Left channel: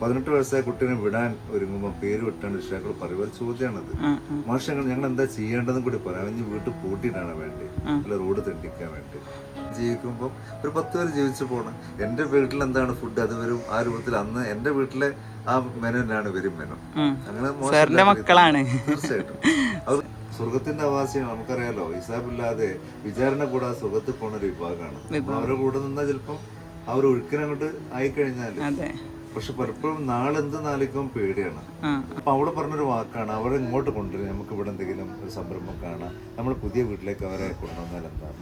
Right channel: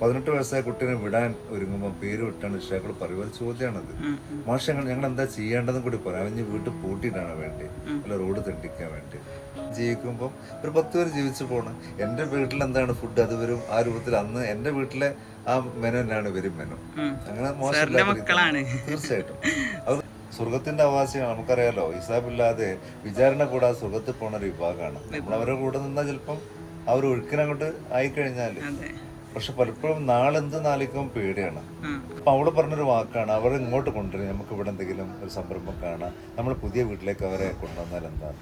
18 വയസ്സായ കുട്ടീനെ വിടാൻ ഒരുങ്ങുമ്പോൾ പേര് വിട്ടാണ് രക്ഷിതാക്കൾ പറയുക. ചോദ്യമാണത്. മാഷ് ഞങ്ങൾ എന്താ ചെയ്യേണ്ടതെന്ന് കൂടി പറയാം. അവന് വീട്ടിൽ പൂട്ടിയിട്ടാണ് വേണ്ടി, അല്ല റോഡ് തെണ്ടിക്കാൻ വേണ്ടി ജീവിക്കുമ്പോൾ ഒരു 10 പേര് ജീവിച്ചു പോകണം. എൻ്റെ വീട്ടിൽ എന്താണ് ഫുഡ് അത് വരും ആ രൂപത്തിൽ. അന്ന് എൻ്റെ വീട്ടിലെ ആ മെനു തന്നെയാണ് ഇവരും മെനു. അങ്ങനെ മക്കളാണ് തീർച്ചയായിട്ടും. അത് സ്വർഗത്തിന്റെ അവകാശമാണ്. നമുക്കറിയാലോ, ഹിസാബില്ലാതെ വിചാരണ കൂടാതെ സ്വർഗത്തിൽ പോണ ഒരു വിഭാഗമാണ്. അവരുടെ കൂടെ നിന്നാൽ ചിലപ്പം അവർ ഒഴുക്കിനങ്ങോട്ട് ആയിക്കഴിഞ്ഞാല്. പക്ഷെ പലപ്പോഴും നാളെന്ത് നാലിക്കും പേടിയാണ്. അപ്പൊ അവള് പറഞ്ഞൊരു വാക്കാണ്, അവരെ ഇങ്ങോട്ട് കൊണ്ടുവരും, നമുക്ക് ഇവിടെ എന്തെങ്കിലും ഒരു സംരംഭം കാണാം, നമ്മൾ പുതിയ വീട്ടിലേക്ക് അവരെ കൊണ്ടുവന്നാൽ എന്താണ്.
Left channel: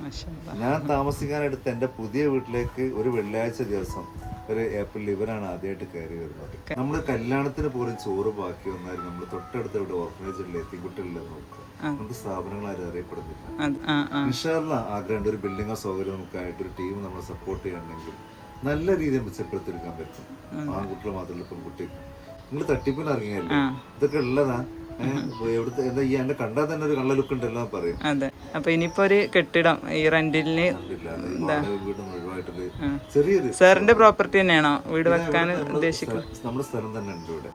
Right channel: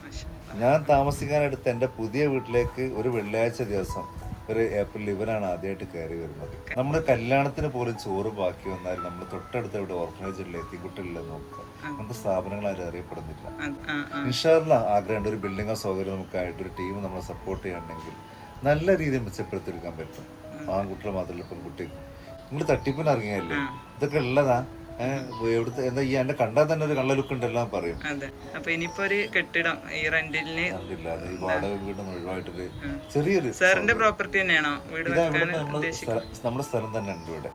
ഞാൻ താമസിക്കാനെടുത്ത് എൻ്റെ പുതിയ വീട്ടിലേക്ക് ഒരു വെള്ളിയാഴ്ച ദിവസം ഒരു ഏപ്രിൽ ഇവരാണ് ആദ്യമായിട്ട് കയറി വരുന്നത്. നമ്മൾ കല്യാണത്തിന് പോലും ചോറ് ബാക്കി വന്നാൽ നമ്മൾ തൊട്ടടുത്ത് ഇവിടെ ഓർഫനേജിലെ എത്തിക്കുട്ടികളിൽ നോക്കുക, നമുക്ക് സ്ഥാപനങ്ങൾ ആരും അറിയപ്പെടുന്നില്ല. ഇൻഷാല്ലാ ആഗ്രഹമുണ്ട് ഒരു ബിൽഡിംഗോ സൗകര്യം നമുക്കായിട്ട് ഒരു ടീം നമ്മളെ സപ്പോർട്ട് ചെയ്യണമെങ്കിൽ നല്ല രീതിയിൽ മെച്ചപ്പെടുത്തിയെടുക്കാൻ പറ്റും. ആൺകുട്ടികൾ മാത്രമല്ല പെൺകുട്ടി. നിങ്ങൾ തട്ടിപ്പിന് ഇറങ്ങിയല്ലേ, ഇതൊക്കെ ഉള്ളതാ. എവിടുത്തെ എന്താ ഈ എന്നെ കണ്ടാൽ തന്നെ ഒരു കള്ള ലുക്ക് ഉണ്ടെല്ലാം പറയും. അതെ. അപ്പൊ ഇനിയിപ്പോ ഒരു കെട്ടിടം ഈ റെന്റിന് വാടക വീട് മുഴുവായിട്ടൊരു ചെറിയൊരു സാറിന്റെ പ്രോപ്പർട്ടി തന്നെയാണോ വീട് വെക്കാൻ ഉദ്ദേശിക്കുന്നത്? നമ്മുടെ സ്ഥലം തന്നെ ഉണ്ട് ഇവിടെ.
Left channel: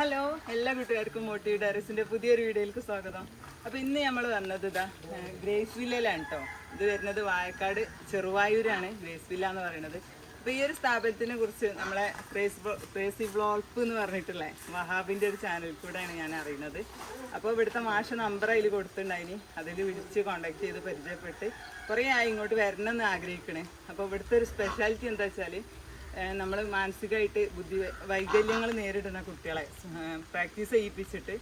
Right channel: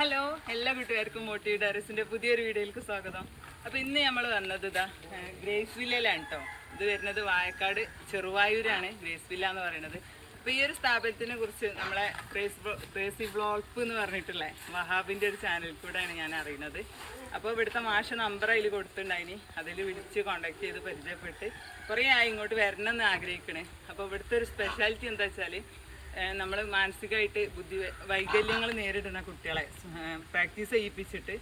ഹലോ, എല്ലാ കൂട്ടുകാർക്കും മോട്ടീവ് ഡയറീസിന്റെ പുതിയൊരു വീഡിയോയിലേക്ക് സ്വാഗതം. അപ്പൊ ഇന്ന് നമ്മൾ വന്നത് ഇതാ ഗ്രേസ് വില്ലയിലാണ് കേട്ടോ. ഇത് വരുന്നത് വായക്കാട് ചെറുവായൂരാണ് ഗ്രേസ് വില്ല എന്ന് പറയുന്നത്. അപ്പൊ ഈ ഒരു സ്ഥാപനത്തിനെ കുറിച്ച് നമ്മളെ ക്രേസി വ്ളോഗ് എന്ന് പറഞ്ഞിട്ടുള്ള വഹാബിന്റെ ഒരു ചാനലിൽ കൂടെയാണ് ഞാൻ അറിയുന്നത്. അപ്പോൾ ഇവിടുത്തെ മാഷ നമ്പർ അതിൽ കൊടുത്തിട്ടുണ്ടായിനി, അതിൽ വിളിച്ച് കോണ്ടാക്ട് ചെയ്ത് പരിചയപ്പെട്ട് കുറേ ആയി ഇങ്ങോട്ട് വരണം എന്ന് ആഗ്രഹിക്കണേ. അപ്പോൾ ഇവിടുത്തെ ഒരു സ്പെഷ്യാലിറ്റി എന്താ വെച്ചാൽ നമ്മൾ മാനസികമായിട്ട് വൈകല്യങ്ങൾ നേരിടുന്ന കുട്ടികളെ പ്രാക്ടീസ് ചെയ്യിപ്പിച്ചിട്ട്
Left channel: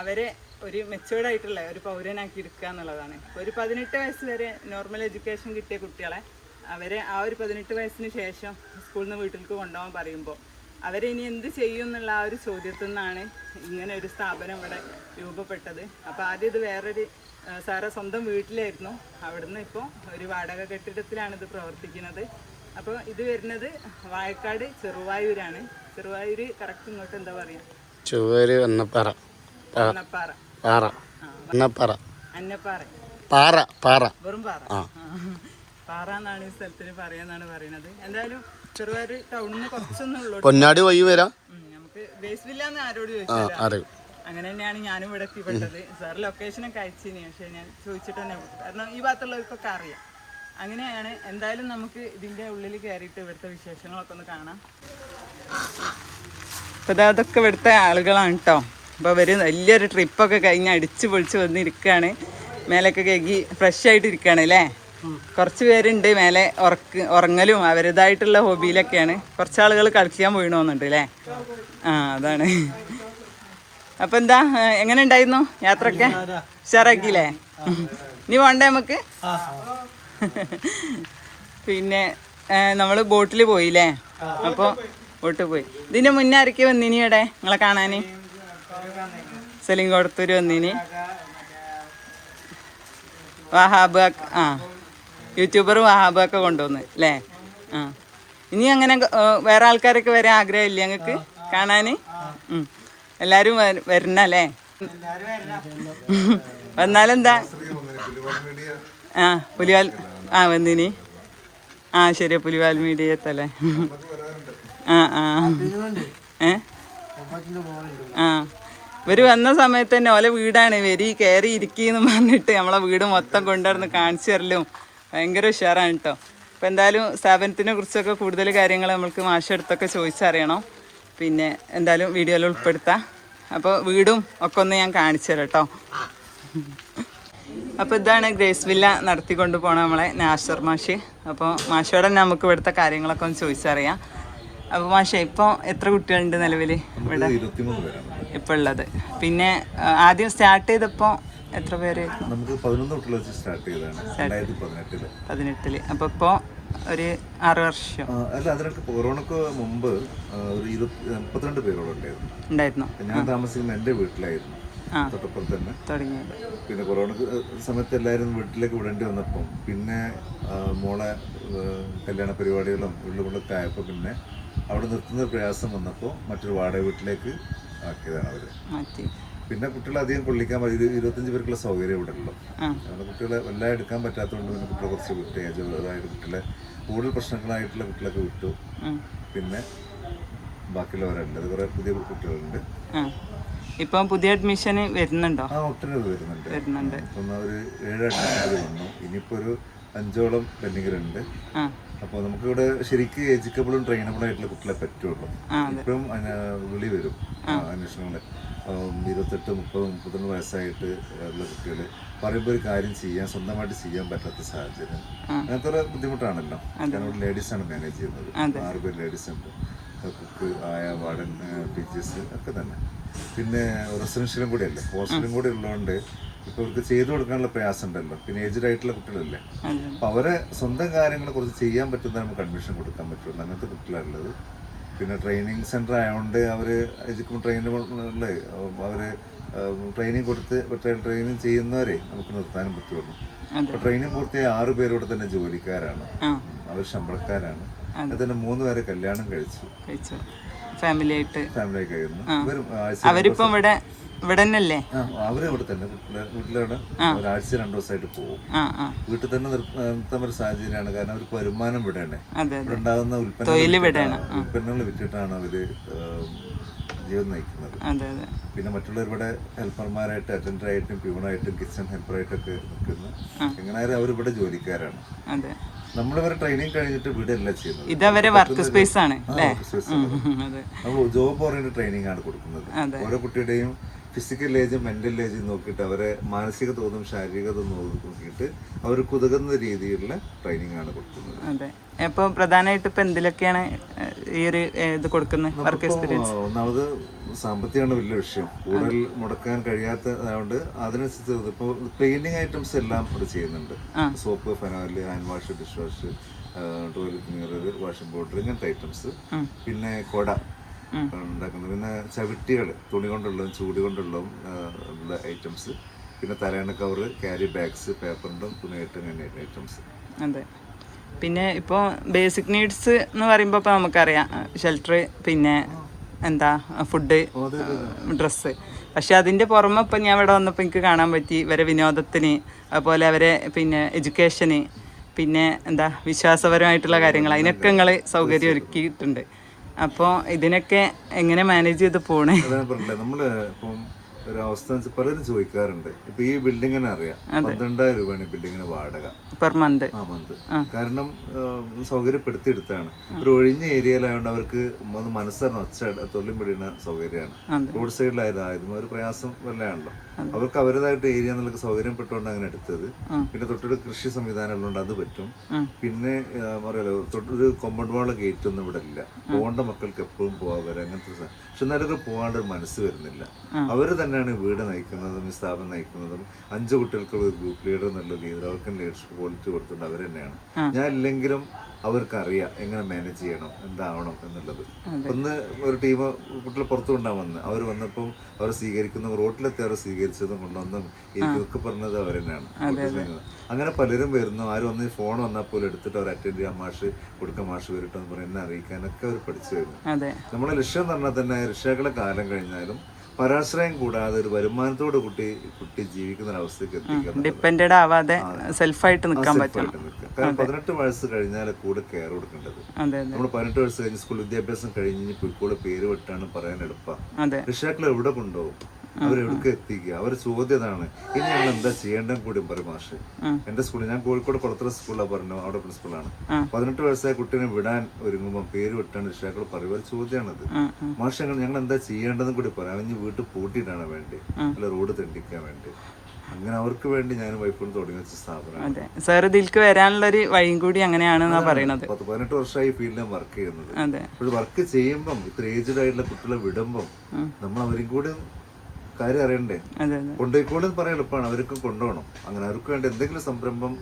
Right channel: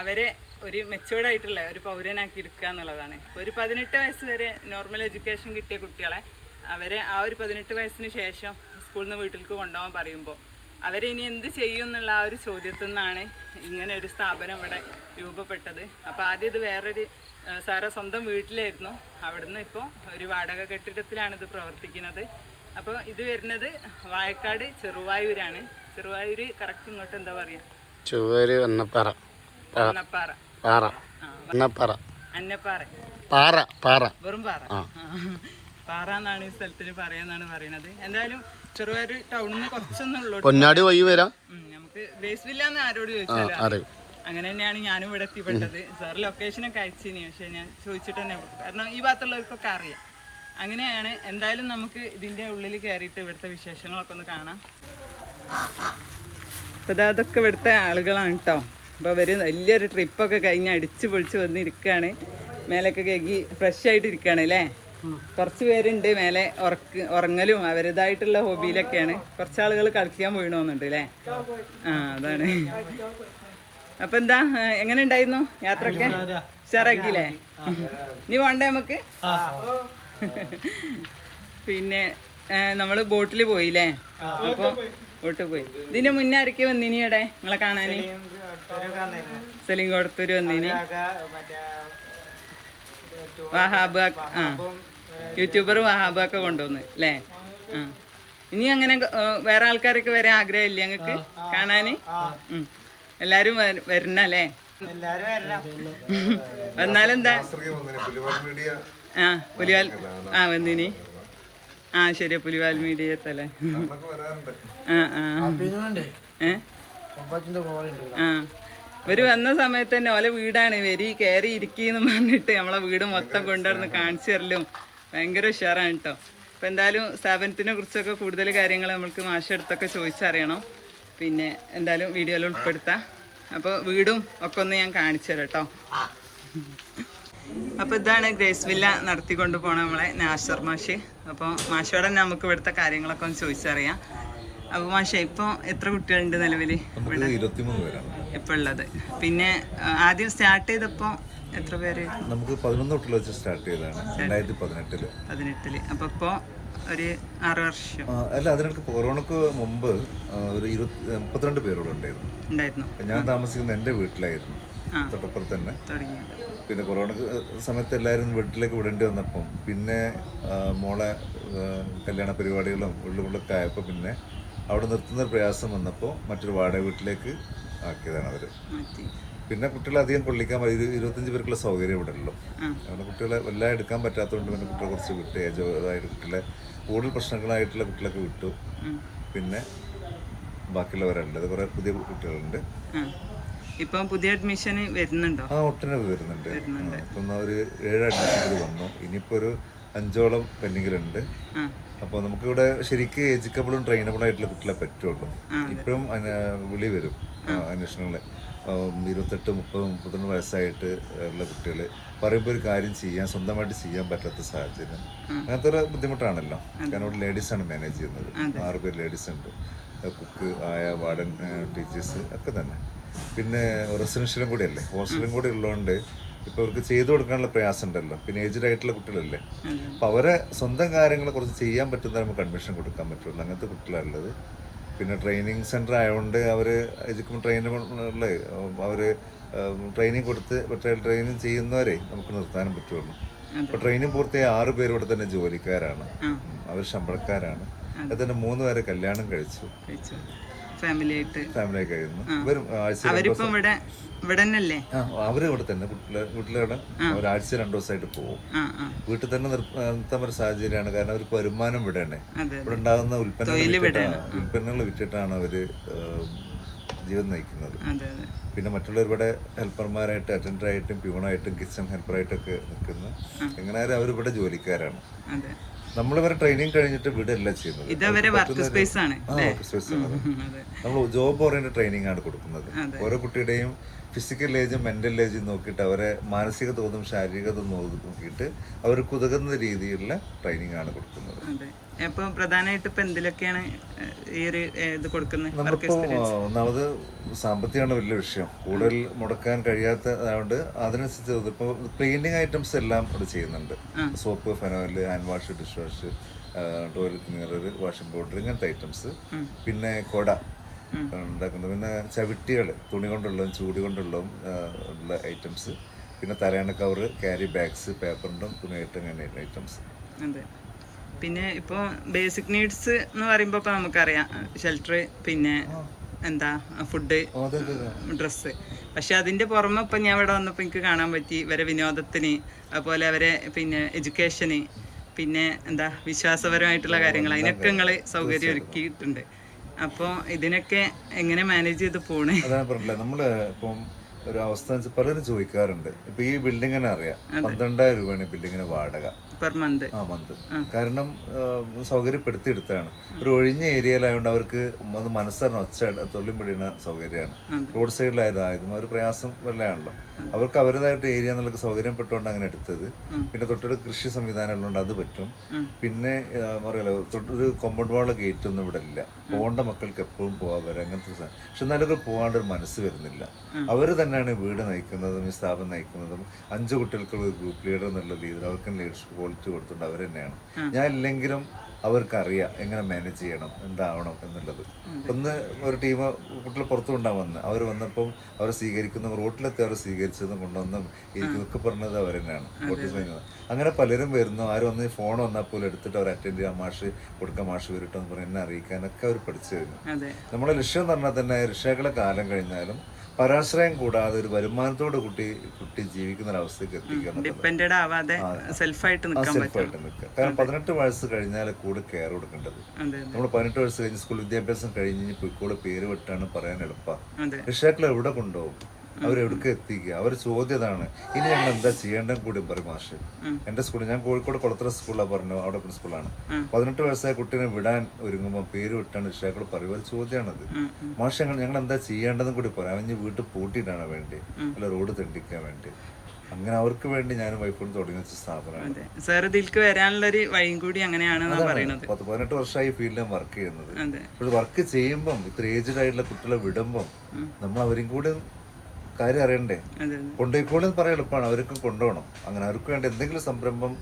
അവരെ ഒരു മെച്ചോർഡായിട്ടുള്ള ഒരു പൗരനാക്കി എടുക്കുക എന്നുള്ളതാണ്. ഒരു 18 വയസ്സ് വരെ നോർമൽ എഡ്യൂക്കേഷൻ കിട്ടിയ കുട്ടികളെ അവരെ ആ ഒരു 18 വയസ്സിന് ശേഷം സ്കൂളിൽ നിന്ന് വീട്ടിലേക്ക് കൊണ്ടുപോകാൻ പറയുമ്പോൾ അവരെ ഇനി എന്ത് ചെയ്യും എന്നുള്ള ആ ഒരു ചോദ്യത്തിൽ നിന്നാണ് ഇങ്ങനെ ഒരു സ്ഥാപനം ഇവിടെ രൂപപ്പെട്ടത്. അപ്പോൾ ആദ്യം ഇത് വേറൊരു സാറെ സ്വന്തം വീട്ടിലായിരുന്നു. അവിടുന്ന് ഇപ്പോൾ ഒരു വാടക കെട്ടിടത്തിലാണ് ഇത് പ്രവർത്തിക്കുന്നത്. അപ്പോൾ ഇത് വരുന്നത് വായക്കാട് ചെറുവായൂരാണ്. ചെറുവായൂര് കറക്റ്റ് ഇങ്ങോട്ട് എന്താ പറയാ? ചെറുവായൂര് അന്നപ്പാറ. വെറും പാറ പാറ എന്നാണ് ഈ സ്ഥലത്തിന് പറയാന്നാണ് പറയുന്നത്. എന്തായാലും ചെറുവായൂർ ടൗണിൽ നിന്ന് കുറച്ചൊന്നും ഉള്ളൂ. പൊന്നാടി വഴി വരാം. നമുക്ക് ഗ്രേസ് വില്ല എന്ന് ആരോട് ചോദിച്ചാലും അങ്ങനെ തന്നെയാണ് ഞാനും ഇവിടെ എത്തിപ്പെട്ടത്. സാർ ലൊക്കേഷനൊക്കെ അയച്ചിനി, പക്ഷെ ഞാൻ ചോദിച്ചിട്ട് തന്നെ, കാരണം ഈ ഭാഗത്തുള്ളവർക്കൊക്കെ അറിയാം. അങ്ങനെയാണ്. എന്തായാലും നമുക്ക് ഇതിന്റെ ഉള്ളിൽ കയറിയിട്ട് ഇവിടുത്തെ വിശേഷങ്ങളൊക്കെ ഒന്ന് കാണാം. അപ്പോൾ അതൊക്കെ ഇവിടുത്തെ ആളുകളാണ് കേട്ടോ. അപ്പോൾ അവർ വലിയൊരു ട്രിപ്പൊക്കെ കഴിഞ്ഞ് അടിച്ച് പൊളിച്ച് വന്നിരിക്കുകയാണ്. മേലൊക്കെ കഴുകി ഫ്രഷ് ആയിട്ട് ഇരിക്കുകയാണ് അല്ലേ. കുറച്ച് പേരുണ്ട് മേലെ ഉറങ്ങലും അവരുടേതായിട്ടുള്ള ഹോബിയിലൊക്കെയാണ്. കുറച്ച് ആളുകൾ കളിക്കാൻ പോയിണോന്നുണ്ട് അല്ലേ. അതാണ്. അപ്പം എന്താ, എങ്ങനെ ഉണ്ടായിരുന്നു യാത്രയൊക്കെ? ഉഷാറാക്കിയില്ലേ? ഇനി പോണ്ടേ നമുക്ക്? പിന്നെ നമ്മൾ ബോട്ടിൽ പോയില്ലേ. അപ്പോൾ ബോട്ടിൽ പോയി. ഇതിന് മുന്നേ ആരൊക്കെ വന്നിനി ഇവിടെ നിങ്ങളെ കാണാന്? സെലിങ്കോടത്തൂര് വന്നിനി, വഹാബ്, യൂട്യൂബർ വഹാബ് ഒക്കെ കൊണ്ടുവന്ന് അല്ലേ. ഇനി അങ്ങനെ വേറെ ആൾക്കാരൊക്കെ വരാൻ ആഗ്രഹമില്ല ഞങ്ങൾക്ക് കാണാന്? എല്ലാരും വരണല്ലേ? വന്നാലെന്താ? പുലിവാൽ വന്നിനി. ശരിയാ, പുലിവാൽ മീഡിയത്തല്ലേ. ഇവര് വന്ന സമയത്ത് തന്നെ ഓലെ വീടാണ് കയറി ഇരിക്കുന്നു പറഞ്ഞിട്ട് നമ്മളെ വീട് മൊത്തം കൊണ്ടുവന്ന് കാണിച്ചു തരലും ഭയങ്കര ഉഷാറാണ് കേട്ടോ. അപ്പം എന്തായാലും സ്ഥാപനത്തിനെ കുറിച്ചൊക്കെ കൂടുതൽ കാര്യങ്ങൾ നമുക്ക് മാഷെടുത്തൊക്കെ ചോദിച്ചറിയണം. പിന്നെ എന്തായാലും വീഡിയോയിൽ ഉൾപ്പെടുത്താം. അപ്പോൾ വീടും ഒക്കെ ഒന്ന് ഞാൻ കാണിച്ചു തരാം കേട്ടോ. അപ്പോൾ ഇതാണ് ഗ്രേസ് വില്ല നടത്തിക്കൊണ്ട് പോണ നമ്മളെ നാസർ മാഷ്. അപ്പോൾ മാഷോടെ നമുക്ക് ഇവിടുത്തെ കാര്യങ്ങളൊക്കെ ഒന്ന് ചോദിച്ചറിയാം. അപ്പോൾ മാഷേ, ഇപ്പോൾ എത്ര കുട്ടികളുണ്ട് നിലവിൽ ഇവിടെ ഇപ്പോൾ ഉള്ളത്? പിന്നെ ആദ്യം സ്റ്റാർട്ട് ചെയ്തപ്പോൾ എത്ര പേര്? നമുക്ക് 11 തൊട്ടുള്ള വെച്ച് സ്റ്റാർട്ട് ചെയ്തതാണ് 2018. അപ്പോൾ ഇപ്പോൾ ഒരു 6 വർഷം. അല്ല, അതിനൊക്കെ കൊറോണക്ക് മുമ്പ് ഒരു 32 പേരോളം ഉണ്ടായിരുന്നു. ഞാൻ താമസിക്കുന്ന എൻ്റെ വീട്ടിലായിരുന്നു, തൊട്ടപ്പുറത്ത് തന്നെ. പിന്നെ കൊറോണ സമയത്ത് എല്ലാവരും വീട്ടിലേക്ക് വിടേണ്ടി വന്നപ്പം പിന്നെ മോളെ കല്യാണ പരിപാടികളും ഉള്ളുകൊള്ളൊക്കെ ആയപ്പോൾ പിന്നെ അവിടെ നിർത്തുന്ന പ്രയാസം വന്നപ്പോൾ മറ്റൊരു വാടക വീട്ടിലേക്ക് ആക്കിയതാണ് അവർ. പിന്നെ കുട്ടികളെ അധികം കൊള്ളിക്കാൻ 25 പേർക്കുള്ള സൗകര്യം ഇവിടെ ഉള്ളൂ. അങ്ങനെ കുട്ടികളെ എല്ലാം എടുക്കാൻ പറ്റാത്തതുകൊണ്ട് പിന്നെ കുട്ടികളെ കുറച്ച് വിട്ട് ഏജായിട്ട് കുട്ടികളെ കൂടുതൽ പ്രശ്നങ്ങളായിട്ടുള്ള കുട്ടികളൊക്കെ വിട്ടു. പിന്നെ ബാക്കിയുള്ളവരല്ല, അത് കുറെ പുതിയ കുട്ടികളുണ്ട്. ഇപ്പം പുതിയ അഡ്മിഷൻ വരുന്നുണ്ടോ? ഒട്ടനവധി വരുന്നുണ്ട്. ഇപ്പം ഒരു 7 അഡ്മിഷൻ വന്നു. ഇനിയിപ്പോ ഒരു 5ഓളം പെൻഡിങ്ങിലുണ്ട്. അപ്പോൾ നമുക്കിവിടെ ശരിക്കും എഡ്യൂക്കബിളും ട്രെയിനബിളും ആയിട്ടുള്ള കുട്ടികളെ പറ്റുള്ളൂ. ഇപ്പം വിളി വരും അന്വേഷണങ്ങള് 28, 30, 31 വയസ്സായിട്ട് ഉള്ള കുട്ടികൾ പറയുമ്പോൾ ഒരു കാര്യം സ്വന്തമായിട്ട് ചെയ്യാൻ പറ്റാത്ത സാഹചര്യം, അങ്ങനത്തെ ഒരു ബുദ്ധിമുട്ടാണല്ലോ. കാരണം ഇവിടെ ലേഡീസാണ് മാനേജ് ചെയ്യുന്നത്. 6 പേര് ലേഡീസ് ഉണ്ട്, കുക്ക്, ആയ, വാർഡൻ, ടീച്ചേഴ്സ് ഒക്കെ തന്നെ. പിന്നെ റെസിഡൻഷ്യലും കൂടി അല്ലേ, ഹോസ്റ്റലും കൂടി ഉള്ളതുകൊണ്ട് ഇപ്പൊ അവർക്ക് ചെയ്തു കൊടുക്കാനുള്ള പ്രയാസം ഉണ്ടല്ലോ. പിന്നെ ഏജ്ഡ് ആയിട്ടുള്ള കുട്ടികളല്ലേ, അപ്പൊ അവരെ സ്വന്തം കാര്യങ്ങളെ കുറിച്ച് ചെയ്യാൻ പറ്റുന്ന നമുക്ക് അഡ്മിഷൻ കൊടുക്കാൻ പറ്റുള്ളൂ. അങ്ങനത്തെ കുട്ടികളുള്ളത്. പിന്നെ ട്രെയിനിങ് സെന്റർ ആയതുകൊണ്ട് അവര് ട്രെയിനുള്ള അവര് ട്രെയിനിങ് കൊടുത്ത് ട്രെയിനിങ് ചെയ്യുന്നവരെ നമുക്ക് നിർത്താനും പറ്റുള്ളൂ. അപ്പൊ ട്രെയിനിങ് പൂർത്തിയായ 6 പേര് ഇവിടെ തന്നെ ജോലിക്കാരാണ്, അവർ ശമ്പളക്കാരാണ്. അതിൽ തന്നെ 3 പേരെ കല്യാണം കഴിച്ചു, ഫാമിലി കഴിയുന്നു. അവര് ഇവിടെ തന്നെ വീട്ടിലൂടെ ഒരാഴ്ച 2 ദിവസമായിട്ട് പോകും. വീട്ടിൽ തന്നെ നിർത്താൻ ഒരു സാഹചര്യമാണ്. കാരണം അവർക്ക് വരുമാനം ഇവിടെയാണ്. ഇവിടെ ഉണ്ടാകുന്ന ഉൽപ്പന്നങ്ങൾ വിറ്റിട്ടാണ് അവര് ജീവൻ നയിക്കുന്നത്. പിന്നെ മറ്റുള്ളവർ ഇവിടെ ഹെൽപ്പർമാരായിട്ട്, അറ്റൻഡറായിട്ടും, പ്യൂണായിട്ടും, കിച്ചൺ ഹെൽപ്പറായിട്ടൊക്കെ നിൽക്കുന്നു. എങ്ങനെയായാലും അവരിവിടെ ജോലിക്കാരാണ്. നമ്മളിവരെ ട്രെയിനിങ് കഴിഞ്ഞിട്ട് വിടല്ല ചെയ്യുന്നത്. നമ്മൾ ജോബ് ഓറിയന്റഡ് ട്രെയിനിങ് ആണ് കൊടുക്കുന്നത്. ഓരോ കുട്ടിയുടെയും ഫിസിക്കൽ ഏജും മെന്റൽ ഏജും നോക്കിയിട്ട് അവരെ മാനസിക തോതും ശാരീരിക തോതും നോക്കിയിട്ട് അവർക്ക് ഉതകുന്ന രീതിയിലുള്ള ട്രെയിനിങ് ആണ് കൊടുക്കുന്നത്. അപ്പൊ പ്രധാനമായിട്ട് ഇപ്പൊ എന്തിലൊക്കെയാണ് ഈ ഒരു ഇത് കൊടുക്കുന്നത്? ഒന്നാമത് സാമ്പത്തികമാണ് വലിയ വിഷയം. കൂടുതൽ മുടക്കാൻ കഴിയാത്തതുകൊണ്ട് അതിനനുസരിച്ച് ഇപ്പോൾ ക്ലീനിങ് ഐറ്റംസ് എല്ലാം ഇവിടെ ചെയ്യുന്നുണ്ട്. Soap, phenyl, hand wash, dish wash, toilet cleaner, washing powder, ഇങ്ങനത്തെ ഐറ്റംസ്. പിന്നെ കൊട ഉണ്ടാക്കുന്നത്. പിന്നെ ചവിട്ടികൾ, തുണി കൊണ്ടുള്ളതും ചൂട് കൊണ്ടുള്ളതും ഉള്ള ഐറ്റംസ്. പിന്നെ തലയണ കവറ്, ക്യാരി ബാഗ്സ്, പേപ്പറിൻ്റെ തുണി അങ്ങനെ ഐറ്റംസ്. അതെ. പിന്നെ ഇപ്പോൾ ബേസിക് നീഡ്സ് എന്ന് പറയുമ്പോൾ ഇപ്പോൾ നമുക്കറിയാം ഷെൽട്ടർ, പിന്നെ എന്താ ഫുഡ്, ഡ്രസ്സ്. പക്ഷെ അതിൻ്റെ പുറമെ ഇപ്പം ഞാൻ ഇവിടെ വന്നപ്പോൾ എനിക്ക് കാണാൻ പറ്റി ഇവരെ വിനോദത്തിന്, അതുപോലെ അവരെ പിന്നെ എഡ്യൂക്കേഷന്, പിന്നെ എന്താ വിശ്വാസപരമായിട്ടുള്ള കാര്യങ്ങൾ, അതിനൊക്കെ നിങ്ങൾ സൗകര്യം ഒരുക്കിയിട്ടുണ്ട്. അപ്പോൾ ഇതിനൊക്കെ എങ്ങനെ മാനേജ് ചെയ്ത് പോണേ? അതാണ് പറഞ്ഞില്ലേ, നമ്മള് ഇപ്പം ഒരു അവസ്ഥ പലരും ചോദിക്കാറുണ്ട്. ഇപ്പൊ ഈ ബിൽഡിങ്ങിനെ അറിയാം, 12,000 രൂപയാണ് ബിൽഡിങ്ങിന് വാടക പെർ മന്ത്. കാരണം സൗകര്യപ്പെടുത്തിയെടുത്താണ്. ഒരു ഒഴിഞ്ഞ ഏരിയയിലായതുകൊണ്ട് അവർക്ക് ഒന്ന് മനസ്സറിഞ്ഞ തൊഴിലും പിടിയുന്ന സൗകര്യമാണ്. റോഡ് സൈഡിലായതായിരുന്നു ഒരു പ്രയാസം വല്ലതാണല്ലോ. അവർക്ക് അവരുടേതായിട്ട് ഏരിയ എന്നുള്ള സൗകര്യപ്പെട്ടുകൊണ്ട് അങ്ങനെ എടുത്തത്. പിന്നെ തൊട്ടൊരു കൃഷി സംവിധാനം ഉള്ളതുകൊണ്ട് അത് പറ്റും. പിന്നെ പറയാലോ തൊട്ടൊരു കോമ്പൗണ്ട് വാള ഗേറ്റ് ഒന്നും ഇവിടെ ഇല്ല. പോകേണ്ട മക്കൾക്ക് എപ്പോഴും പോകാൻ വരാം, അങ്ങനത്തെ. പക്ഷെ എന്നാലൊക്കെ പോകാണ്ട് ഒരു മനസ്സ് വരുന്നില്ല. അവര് തന്നെയാണ് വീട് നയിക്കുന്നതും ഈ സ്ഥാപനം നയിക്കുന്നതും. 5 കുട്ടികൾക്കുള്ള ഒരു ഗ്രൂപ്പ് ലീഡർ എന്നുള്ള രീതിയിൽ അവർക്ക് ലീഡർഷിപ്പ് ക്വാളിറ്റി കൊടുത്തിട്ടുണ്ട്. അവർ തന്നെയാണ്. ഞാൻ ഇല്ലെങ്കിലും അവർക്കറിയാം എങ്ങനെ മാനേജ് ചെയ്യണം, എന്താവണം എന്നുള്ളത്. ഒന്ന് ഒരു ടീം കുട്ടികൾ പുറത്തു കൊണ്ടാണ് വന്നത്. അവർ വന്നപ്പോൾ അവരെ സ്വീകരിക്കുന്ന റോട്ടിലെത്തി അവരെ സ്വീകരിച്ചതും കൊണ്ടുവന്നും എനിക്കൊക്കെ പറഞ്ഞത് അവർ തന്നെയാണ്. അങ്ങനെ പലരും വരുന്നു. ആരും ഒന്ന് ഫോൺ വന്നാൽ പോലും എടുത്തിട്ട് അവർ അറ്റൻഡ് ചെയ്യാൻ, മാഷ് കൊടുക്കാൻ, മാഷ് വരട്ടെന്ന് പറഞ്ഞ് എന്നെ അറിയിക്കാനൊക്കെ അവർ പഠിച്ചു വരുന്നു. നമ്മുടെ ലക്ഷ്യം എന്ന് പറഞ്ഞാൽ തന്നെ രക്ഷകളെ കാലം കഴിഞ്ഞാലും പരാശ്രയം കൂടാതെ ഒരു വരുമാനത്തോട് കുട്ടി ജീവിക്കുന്ന ഒരവസ്ഥയ്ക്ക് എത്തിക്കാൻ, ഡിപെൻഡന്റ് ആവാതെ സെൽഫായിട്ട് നിൽക്കാൻ പറ്റും. കാരണം 18 വയസ്സ് കഴിഞ്ഞാൽ കൂടെ കെയർ കൊടുക്കേണ്ടത്. നമ്മൾ 18 വയസ്സ് കഴിഞ്ഞ് സ്കൂൾ വിദ്യാഭ്യാസം കഴിഞ്ഞ് പോയിക്കോളെ പേര് വിട്ടാണ് പറയാൻ എളുപ്പമാണ്. രക്ഷിതാക്കൾ എവിടെ കൊണ്ടുപോകും, അവരെവിടേക്ക് എത്തിക്കുക? അവരുടെ ചോദ്യം അതാണ്. ഇനി ഞങ്ങൾ എന്താ ചെയ്യേണ്ടത് കൂടി പറയും മാഷ്. എന്റെ സ്കൂളിൽ, ഞാൻ കോഴിക്കോട് കുളത്തറ സ്കൂളിലാണ് പറഞ്ഞു, അവിടെ പ്രിൻസിപ്പളാണ്. 18 വയസ്സായ കുട്ടീനെ വിടാൻ ഒരുങ്ങുമ്പോൾ പേര് വിട്ടാണ് രക്ഷിതാക്കൾ പറയുക. ഒരു ചോദ്യമാണത്. മാഷ് ഞങ്ങൾ എന്താ ചെയ്യേണ്ടതെന്ന് കൂടി പറയാം. അവന് വീട്ടിൽ പൂട്ടിയിട്ടാണ് വേണ്ടി, അല്ല റോഡ് തെണ്ടിക്കാൻ വേണ്ടി. അങ്ങനെ അവർക്ക് വേണ്ടി ഞാൻ വൈഫോൺ തുടങ്ങി വെച്ച സ്ഥാപനമാണ്. സാർ ഇതിലേക്ക് വരാനുള്ള ഒരു വഴിയും കൂടി അങ്ങനെയാണെന്ന് പറയുന്നത്. 18 വർഷമായി ഫീൽഡിൽ വർക്ക് ചെയ്യുന്നത്. അപ്പോൾ വർക്ക് ചെയ്യുമ്പം ഇത്ര ഏജ്ഡ് ആയിട്ടുള്ള കുട്ടികളെ വിടുമ്പം നമ്മൾ അവരും കൂടി കാര്യം അറിയണ്ടേ. കൊണ്ടുപോയിക്കോളി പറയാൻ എളുപ്പമാണ്, അവർക്ക് കൊണ്ടുപോകണം. അങ്ങനെ അവർക്ക് വേണ്ടി എന്തെങ്കിലും സംരംഭം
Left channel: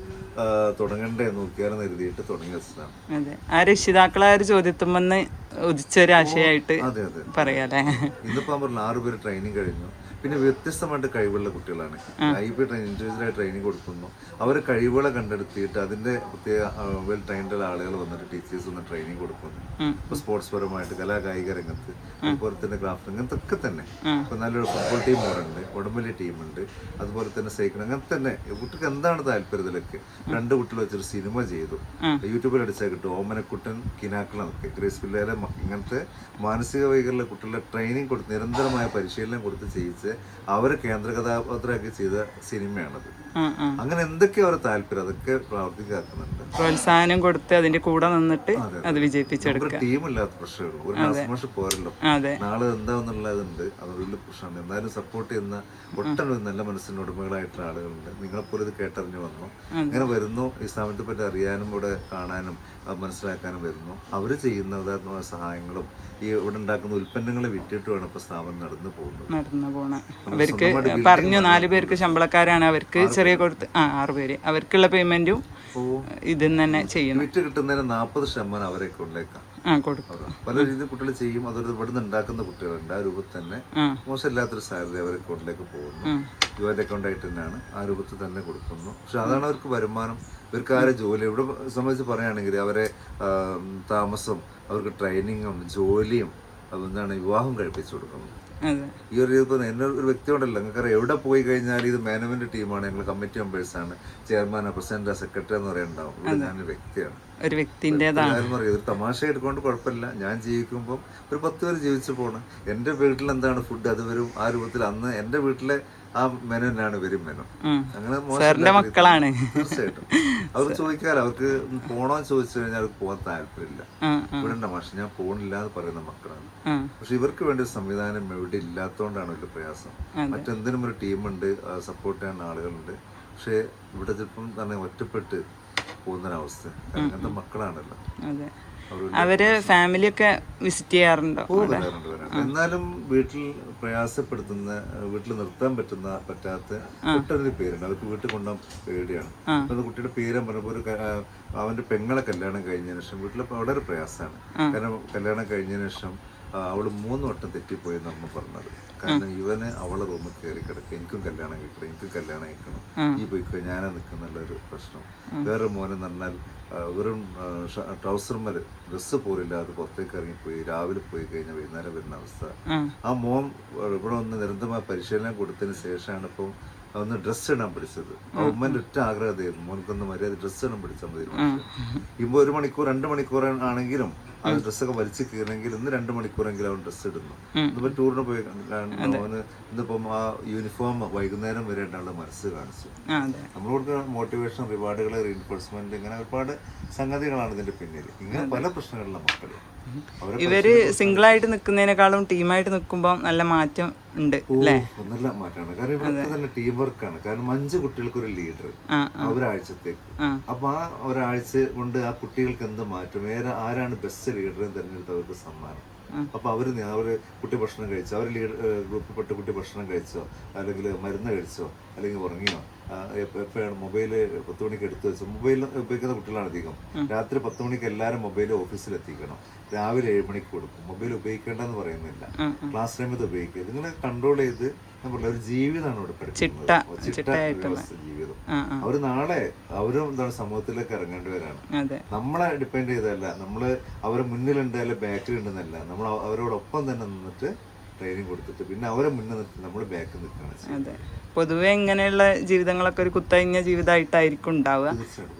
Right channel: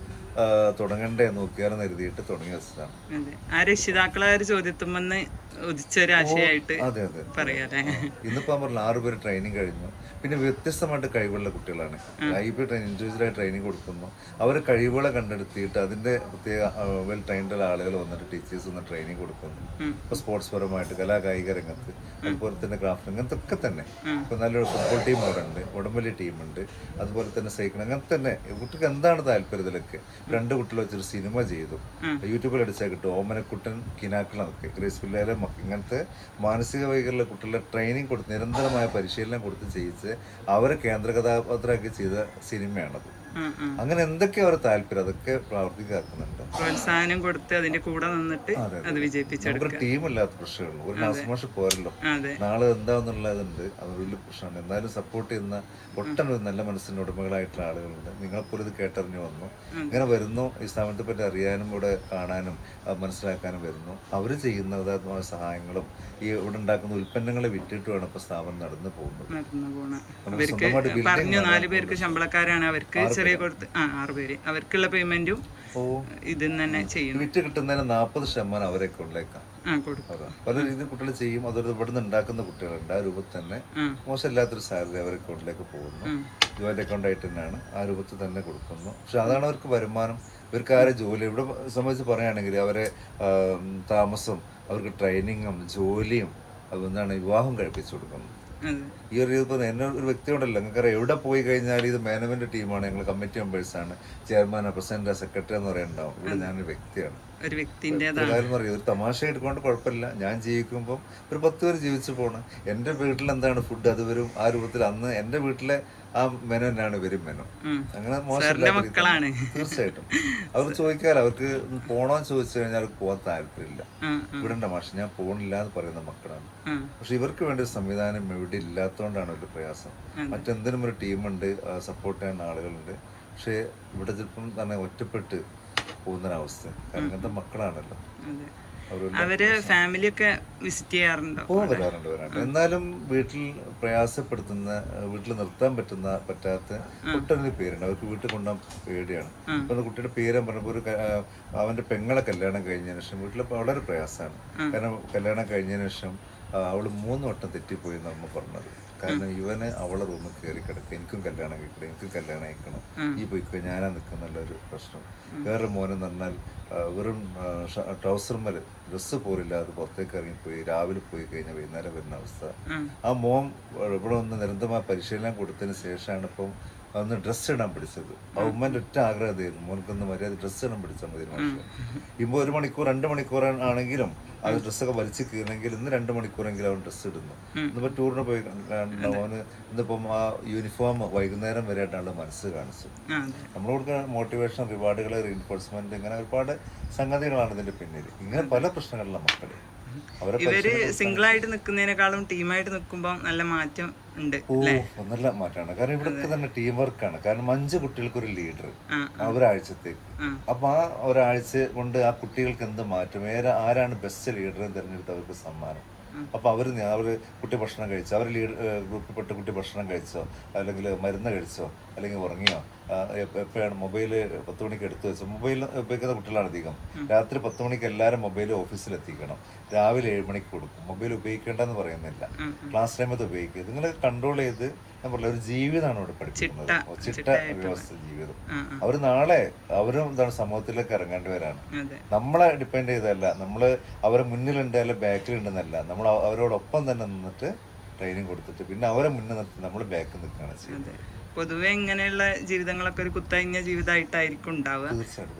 തുടങ്ങണ്ടേ നോക്കിയാലെന്ന് എഴുതിയിട്ട് തുടങ്ങി വെച്ചതാണ്. ആ രക്ഷിതാക്കളെ ഒരു ചോദ്യത്തുമെന്ന് ഉദിച്ചൊരു ആശയമായിട്ട് പറയാല്ലേ. ഇന്നിപ്പോ പറഞ്ഞ 6 പേര് ട്രെയിനിങ് കഴിഞ്ഞു. പിന്നെ വ്യത്യസ്തമായിട്ട് കഴിവുള്ള കുട്ടികളാണ്. IB ഇൻഡിവിജ്വലായി ട്രെയിനിങ് കൊടുക്കുന്നു. അവർ കഴിവുകളെ കണ്ടെടുത്തിയിട്ട് അതിന്റെ പ്രത്യേക വെൽ ട്രെയിൻഡ് ആളുകൾ വന്നിട്ട് ടീച്ചേഴ്സ് വന്ന് ട്രെയിനിങ് കൊടുക്കുന്നു. ഇപ്പൊ സ്പോർട്സ് പരമായിട്ട് കലാകായിക രംഗത്ത്, അതുപോലെ തന്നെ ക്രാഫ്റ്റ് രംഗത്തൊക്കെ തന്നെ. ഇപ്പൊ നല്ലൊരു ഫുട്ബോൾ ടീം ഇവിടെ ഉണ്ട്, ഉടമ്പലി ടീമുണ്ട്, അതുപോലെ തന്നെ സൈക്കിൾ, അങ്ങനെ തന്നെ കുട്ടിക്ക് എന്താണ് താല്പര്യം ഇതിലൊക്കെ. 2 കുട്ടികൾ വെച്ചൊരു സിനിമ ചെയ്തു, യൂട്യൂബിൽ അടിച്ചാൽ കിട്ടും. ഓമനക്കുട്ടൻ കിനാക്കളൊക്കെ ഗ്രേസ്വില്ലയിലെ ഇങ്ങനത്തെ മാനസിക വൈകല്യമുള്ള കുട്ടികളെ ട്രെയിനിങ് കൊടുത്ത് നിരന്തരമായ പരിശീലനം കൊടുത്ത് ചെയ്യിച്ച് അവരെ കേന്ദ്ര കഥാപാത്രമാക്കി ചെയ്ത സിനിമയാണത്. അങ്ങനെ എന്തൊക്കെയോ അവരെ താല്പര്യം അതൊക്കെ പ്രാവർത്തികമാക്കുന്നുണ്ട്. പ്രോത്സാഹനം കൊടുത്ത് അതിന്റെ കൂടെ നിന്നിട്ട് അത് വിജയിപ്പിച്ചെടുക്കുക. ഒരു ടീമില്ലാത്ത പ്രശ്നമുള്ളൂ, ഒരു നാസ്മാഷ് പോരല്ലോ, നാളെ എന്താന്നുള്ളതുണ്ട്. അതൊരു വലിയ പ്രശ്നമാണ്. എന്നാലും സപ്പോർട്ട് ചെയ്യുന്ന ഒട്ടനവധി നല്ല മനസ്സിന്റെ ഉടമകളായിട്ടുള്ള ആളുകളുണ്ട്. നിങ്ങളെപ്പോലും ഇത് കേട്ടറിഞ്ഞു വന്നു, ഇങ്ങനെ വരുന്നു, ഈ സ്ഥാപനത്തെ പറ്റി അറിയാനും ഇവിടെ കാണാനും മനസ്സിലാക്കാനും വരുന്നു. അവർ ചെയ്യുന്ന സഹായങ്ങളും ഈ ഇവിടെ ഉണ്ടാക്കുന്ന ഉൽപ്പന്നങ്ങളെ വിറ്റിട്ട് വേണം ഇപ്പൊ സ്ഥാപനം നടന്നു പോകുന്നത്. പറഞ്ഞു 4 പേർക്ക് ശമ്പളക്കാരാണ്, അവർക്ക് ചെറിയ കൊടുത്ത് 6 പേര് അവർക്കുള്ള പേയ്മെന്റും ഇതിൽ തന്നെ ചെയ്യും. വിറ്റ് കിട്ടുന്നതിന് 40% അവരെ കൊണ്ടേക്കാം. പല രീതിയിൽ കുട്ടികൾ ചെയ്യും. അതൊരു ഇവിടുന്ന് ഉണ്ടാക്കുന്ന കുട്ടികളുണ്ട്. ആ രൂപത്തിൽ തന്നെ മോശമില്ലാത്തൊരു സാലറി അവരെ അക്കൗണ്ടിലേക്ക് പോകുന്നു. ജോയിന്റ് അക്കൗണ്ട് ആയിട്ട് തന്നെയാണ്, ആ രൂപത്തിൽ തന്നെ കൊടുക്കുന്നു. പക്ഷെ അതാണ് അവർക്ക് വരുമാനം. ഇവർക്ക് ആരെ ജോലി ഇവിടെ സംബന്ധിച്ച് പറയുകയാണെങ്കിൽ അവരെ താമസം, അവർക്ക് ട്രെയിനിങ്ങും ജോലിയും എന്താണ് വിവാഹം കഴിപ്പിച്ചു കൊടുക്കുന്നു. ഈ ഒരു രീതിയിൽ എന്നെ ഒരു വ്യക്തി ഉണ്ടല്ലോ, നിങ്ങൾക്കറിയാം, എവിടെ പോയി കഴിഞ്ഞാൽ ഇത് മാനേജ്മെന്റ് ടീമാണ്, ഞങ്ങൾ കമ്മിറ്റി മെമ്പേഴ്സാണ്, ചെയർമാൻ, പ്രസിഡന്റ്, സെക്രട്ടറി എന്ന് പറയുന്നുണ്ടാവും. ഇവിടെ ഞാനൊരു വ്യക്തിയാണ്. ഒരു തമാശ എടുക്കൊണ്ട് കുഴപ്പമില്ല. ഞാൻ ജീവിക്കുമ്പോൾ ഒരു 10 പേര് ജീവിച്ചു പോണ്. എൻ്റെ വീട്ടിൽ എന്താണ് ഫുഡ് അത് വരും. ആ രൂപത്തിൽ അന്ന് എൻ്റെ വീട്ടിലെ ആ മെനു തന്നെയാണ് ഇവരും മെനു. അങ്ങനെ മക്കളാണ്. തീർച്ചയായിട്ടും അവർ ചോദിക്കാറ്, അവർക്ക് പോണോന്ന് ചോദിച്ചു കഴിഞ്ഞാൽ അവർക്ക് പോകാൻ താല്പര്യമില്ല. ഇവിടെ ഉണ്ട് മാഷ്, ഞാൻ പോണില്ല എന്ന് പറയുന്ന മക്കളാണ്. പക്ഷെ ഇവർക്ക് വേണ്ടി ഒരു സംവിധാനം ഇവിടെ ഇല്ലാത്തതുകൊണ്ടാണ് വലിയ പ്രയാസം. മറ്റെന്തിനും ഒരു ടീമുണ്ട്, സപ്പോർട്ട് ചെയ്യാൻ ആളുകളുണ്ട്. പക്ഷെ ഇവിടെ ചിലപ്പം തന്നെ ഒറ്റപ്പെട്ട് പോകുന്നൊരവസ്ഥ. അങ്ങനത്തെ മക്കളാണല്ലോ. അവര് ഫാമിലിയൊക്കെ വിസിറ്റ് ചെയ്യാറുണ്ടോ? വരാറുണ്ട്. എന്നാലും വീട്ടിൽ പ്രയാസപ്പെടുത്തുന്ന, വീട്ടിൽ നിർത്താൻ പറ്റാത്ത ഒട്ടനവധി പേരുണ്ട്. അവർക്ക് വീട്ടിൽ കൊണ്ടുപോകാൻ പേടിയാണ്. അപ്പൊ കുട്ടിയുടെ പേര് പറഞ്ഞപ്പോൾ അവന്റെ പെങ്ങളെ കല്യാണം കഴിഞ്ഞതിന് ശേഷം വീട്ടിൽ വളരെ പ്രയാസമാണ്. കാരണം കല്യാണം കഴിഞ്ഞതിന് ശേഷം അവള് 3 വട്ടം തെറ്റിപ്പോയി എന്നാണ് പറഞ്ഞത്. കാരണം ഇവന് അവളെ റൂമിൽ കയറി കിടക്കുക, എനിക്കും കല്യാണം കഴിക്കണം, എനിക്കും കല്യാണം കഴിക്കണം, ഈ പോയിക്കോ, ഞാനാ നിൽക്കുന്നുള്ളൊരു പ്രശ്നം. വേറെ മോനെന്ന് പറഞ്ഞാൽ വെറും ട്രൗസർമേൽ ഡ്രസ്സ് പോലില്ലാതെ പുറത്തേക്ക് ഇറങ്ങിപ്പോയി, രാവിലെ പോയി കഴിഞ്ഞാൽ വൈകുന്നേരം വരുന്ന അവസ്ഥ. ആ മോൻ ഇവിടെ ഒന്ന് നിരന്തരമായ പരിശീലനം കൊടുത്തതിന് ശേഷമാണ് ഇപ്പം ഒന്ന് ഡ്രസ്സ് ഇടാൻ പിടിച്ചത്. ആ ഉമ്മന്റെ ഒറ്റ ആഗ്രഹമായിരുന്നു, മോനക്കൊന്ന് മര്യാദ ഡ്രസ്സ് ഇടാൻ പിടിച്ചാൽ മതി. ഇപ്പൊ 1 മണിക്കൂർ 2 മണിക്കൂർ ആണെങ്കിലും ആ ഡ്രസ്സൊക്കെ വലിച്ചു കീറണമെങ്കിൽ ഇന്ന് 2 മണിക്കൂറെങ്കിലും അവൻ ഡ്രസ്സ് ഇടുന്നു. ഇന്നിപ്പോ ടൂറിന് പോയി അവന് ഇന്നിപ്പം ആ യൂണിഫോം വൈകുന്നേരം വരെ ആയിട്ടുള്ള മനസ്സ് കാണിച്ചു. നമ്മളോട് മോട്ടിവേഷൻ, റിവാർഡുകൾ, റീൻഫോഴ്സ്മെന്റ്, ഇങ്ങനെ ഒരുപാട് സംഗതികളാണ് ഇതിന്റെ പിന്നിൽ. ഇങ്ങനെ പല പ്രശ്നങ്ങളുള്ള മക്കള് ഇവര് സിംഗിൾ ആയിട്ട് നിൽക്കുന്നതിനേക്കാളും ടീമായിട്ട് നിൽക്കുമ്പോൾ നല്ല മാറ്റം ഉണ്ട്. നല്ല മാറ്റമാണ്. കാരണം ഇവിടുത്തെ തന്നെ ടീം വർക്കാണ്. കാരണം 5 കുട്ടികൾക്ക് ഒരു ലീഡർ ഒരാഴ്ചത്തേക്ക്. അപ്പൊ ആ ഒരാഴ്ച കൊണ്ട് ആ കുട്ടികൾക്ക് എന്ത് മാറ്റം, ആരാണ് ബെസ്റ്റ് ലീഡറെ തിരഞ്ഞെടുത്ത് അവർക്ക് സമ്മാനം. അപ്പൊ അവര് കുട്ടി ഭക്ഷണം കഴിച്ചോ, അവർ ഗ്രൂപ്പിൽപ്പെട്ട കുട്ടി ഭക്ഷണം കഴിച്ചോ, അല്ലെങ്കിൽ മരുന്ന് കഴിച്ചോ, അല്ലെങ്കിൽ ഉറങ്ങിയോ, എപ്പോഴാണ് മൊബൈല് 10 മണിക്ക് എടുത്തു വെച്ചോ. മൊബൈൽ ഉപയോഗിക്കുന്ന കുട്ടികളാണ് അധികം. രാത്രി 10 മണിക്ക് എല്ലാവരും മൊബൈൽ ഓഫീസിൽ എത്തിക്കണം, രാവിലെ 7 മണിക്ക് കൊടുക്കും. മൊബൈൽ ഉപയോഗിക്കേണ്ടെന്ന് പറയുന്നില്ല, ക്ലാസ് ടൈമത്ത് ഉപയോഗിക്കുക. നിങ്ങളെ കൺട്രോൾ ചെയ്ത് ഞാൻ പറഞ്ഞ ഒരു ജീവിതമാണ് ഇവിടെ പഠിപ്പിക്കുന്നത്, ചിട്ട വ്യവസ്ഥ ജീവിതം. അവർ നാളെ അവരും എന്താണ് സമൂഹത്തിലേക്ക് ഇറങ്ങേണ്ടവരാണ്. നമ്മളെ ഡിപ്പെൻഡ് ചെയ്തല്ല, നമ്മള് അവരെ മുന്നിലുണ്ട് അല്ല ബാക്കിലുണ്ടെന്നല്ല, നമ്മൾ അവരോടൊപ്പം തന്നെ നിന്നിട്ട് ട്രെയിനിങ് കൊടുത്തിട്ട് പിന്നെ അവരെ മുന്നിൽ നിർത്തി നമ്മൾ ബാക്കിൽ നിൽക്കുകയാണ് ചെയ്യുന്നത്. പൊതുവെ ഇങ്ങനെയുള്ള ജീവിതങ്ങളൊക്കെ ഒരു കുത്തഴിഞ്ഞ ജീവിതമായിട്ടായിരിക്കും ഉണ്ടാവുക.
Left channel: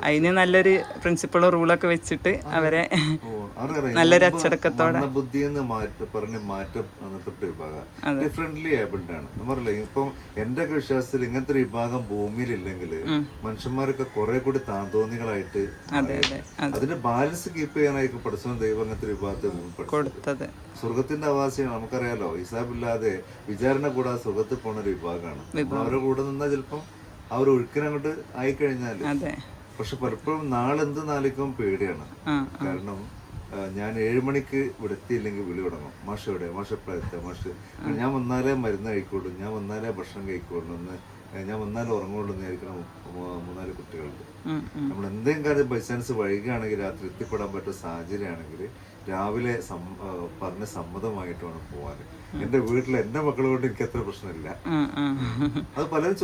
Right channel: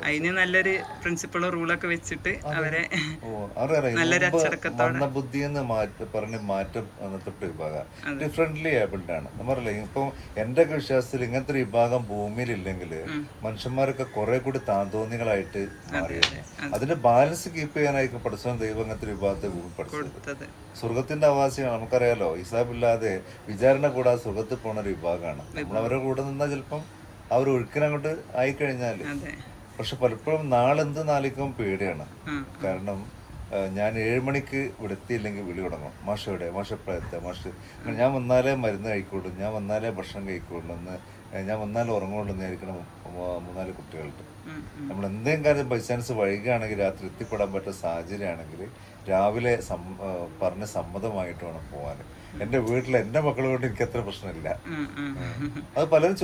അതിന് നല്ലൊരു പ്രിൻസിപ്പളോ റൂളൊക്കെ വെച്ചിട്ട് അവരെ നല്ലൊരു അച്ചടക്കത്തോടെ ബുദ്ധി എന്ന് പറഞ്ഞ് മാറ്റം വിഭാഗം ഡിഫറെന്റ്ലി ഏബിൾഡ് ആണ്. നമ്മളല്ലേ ഇപ്പം എന്റെ ഒക്കെ വിശ്വാസത്തിൽ ഇങ്ങനത്തെ ഒരു വിഭാഗം ഭൂമിയിലില്ലെങ്കിൽ മനുഷ്യന്മാരൊക്കെ കുറെ കൂടി താന്തോന്നികളായിട്ട് അതിന്റെ ബാലൻസ് കീപ്പ് ചെയ്യാനായിരിക്കും പഠിച്ചവൻ ദൈവം അങ്ങനത്തെ ഒരു വിഭാഗത്തെ ഭൂമിപ്പെടുത്തത്. സ്വർഗത്തിന്റെ അവകാശിയാണ്. നമുക്കറിയാലോ, ഹിസാബില്ലാതെ വിചാരണ കൂടാതെ സ്വർഗത്തിൽ പോണ ഒരു വിഭാഗമാണ്. അവരുടെ കൂടെ നിന്നാൽ ചിലപ്പം അവർ ഒഴുക്കിനങ്ങോട്ട് ആയിക്കഴിഞ്ഞാല്. പക്ഷെ പലപ്പോഴും നാളെന്ത് നാളിക്കും പേടിയാണ്. കാരണം ഞാൻ 7 മണിക്ക് ഇവിടെ എത്തിയില്ലെങ്കിൽ വിളി തുടങ്ങും, മാഷ് എവിടെ, മാഷ് എപ്പോഴാണ് എത്തുക, മാഷ് ഞാൻ വന്നാലേ മരുന്ന് കഴിക്കുള്ളൂ, ഞാൻ വന്നാലേ ഭക്ഷണം കഴിക്കുള്ളൂ എന്ന് ഞാൻ വന്നാലും ഉറങ്ങുള്ളൂ നേരിക്കണം 3-4 കുട്ടികളുണ്ട്. നമ്മൾ എന്തെങ്കിലും കാര്യം ബൈ ചാൻസ് വൈകുകയാണെങ്കിൽ രാത്രി എത്തിപ്പെടാൻ പറ്റുന്ന സാഹചര്യമാണെങ്കിൽ രാവിലെ പറഞ്ഞ് സമ്മതമായിട്ട് വേണം പോകാൻ. എന്റെ വീട്ടിൽ എന്റെ മക്കളെ കൊണ്ട് എനിക്ക് അത്ര പ്രശ്നമില്ല. അത് പലരും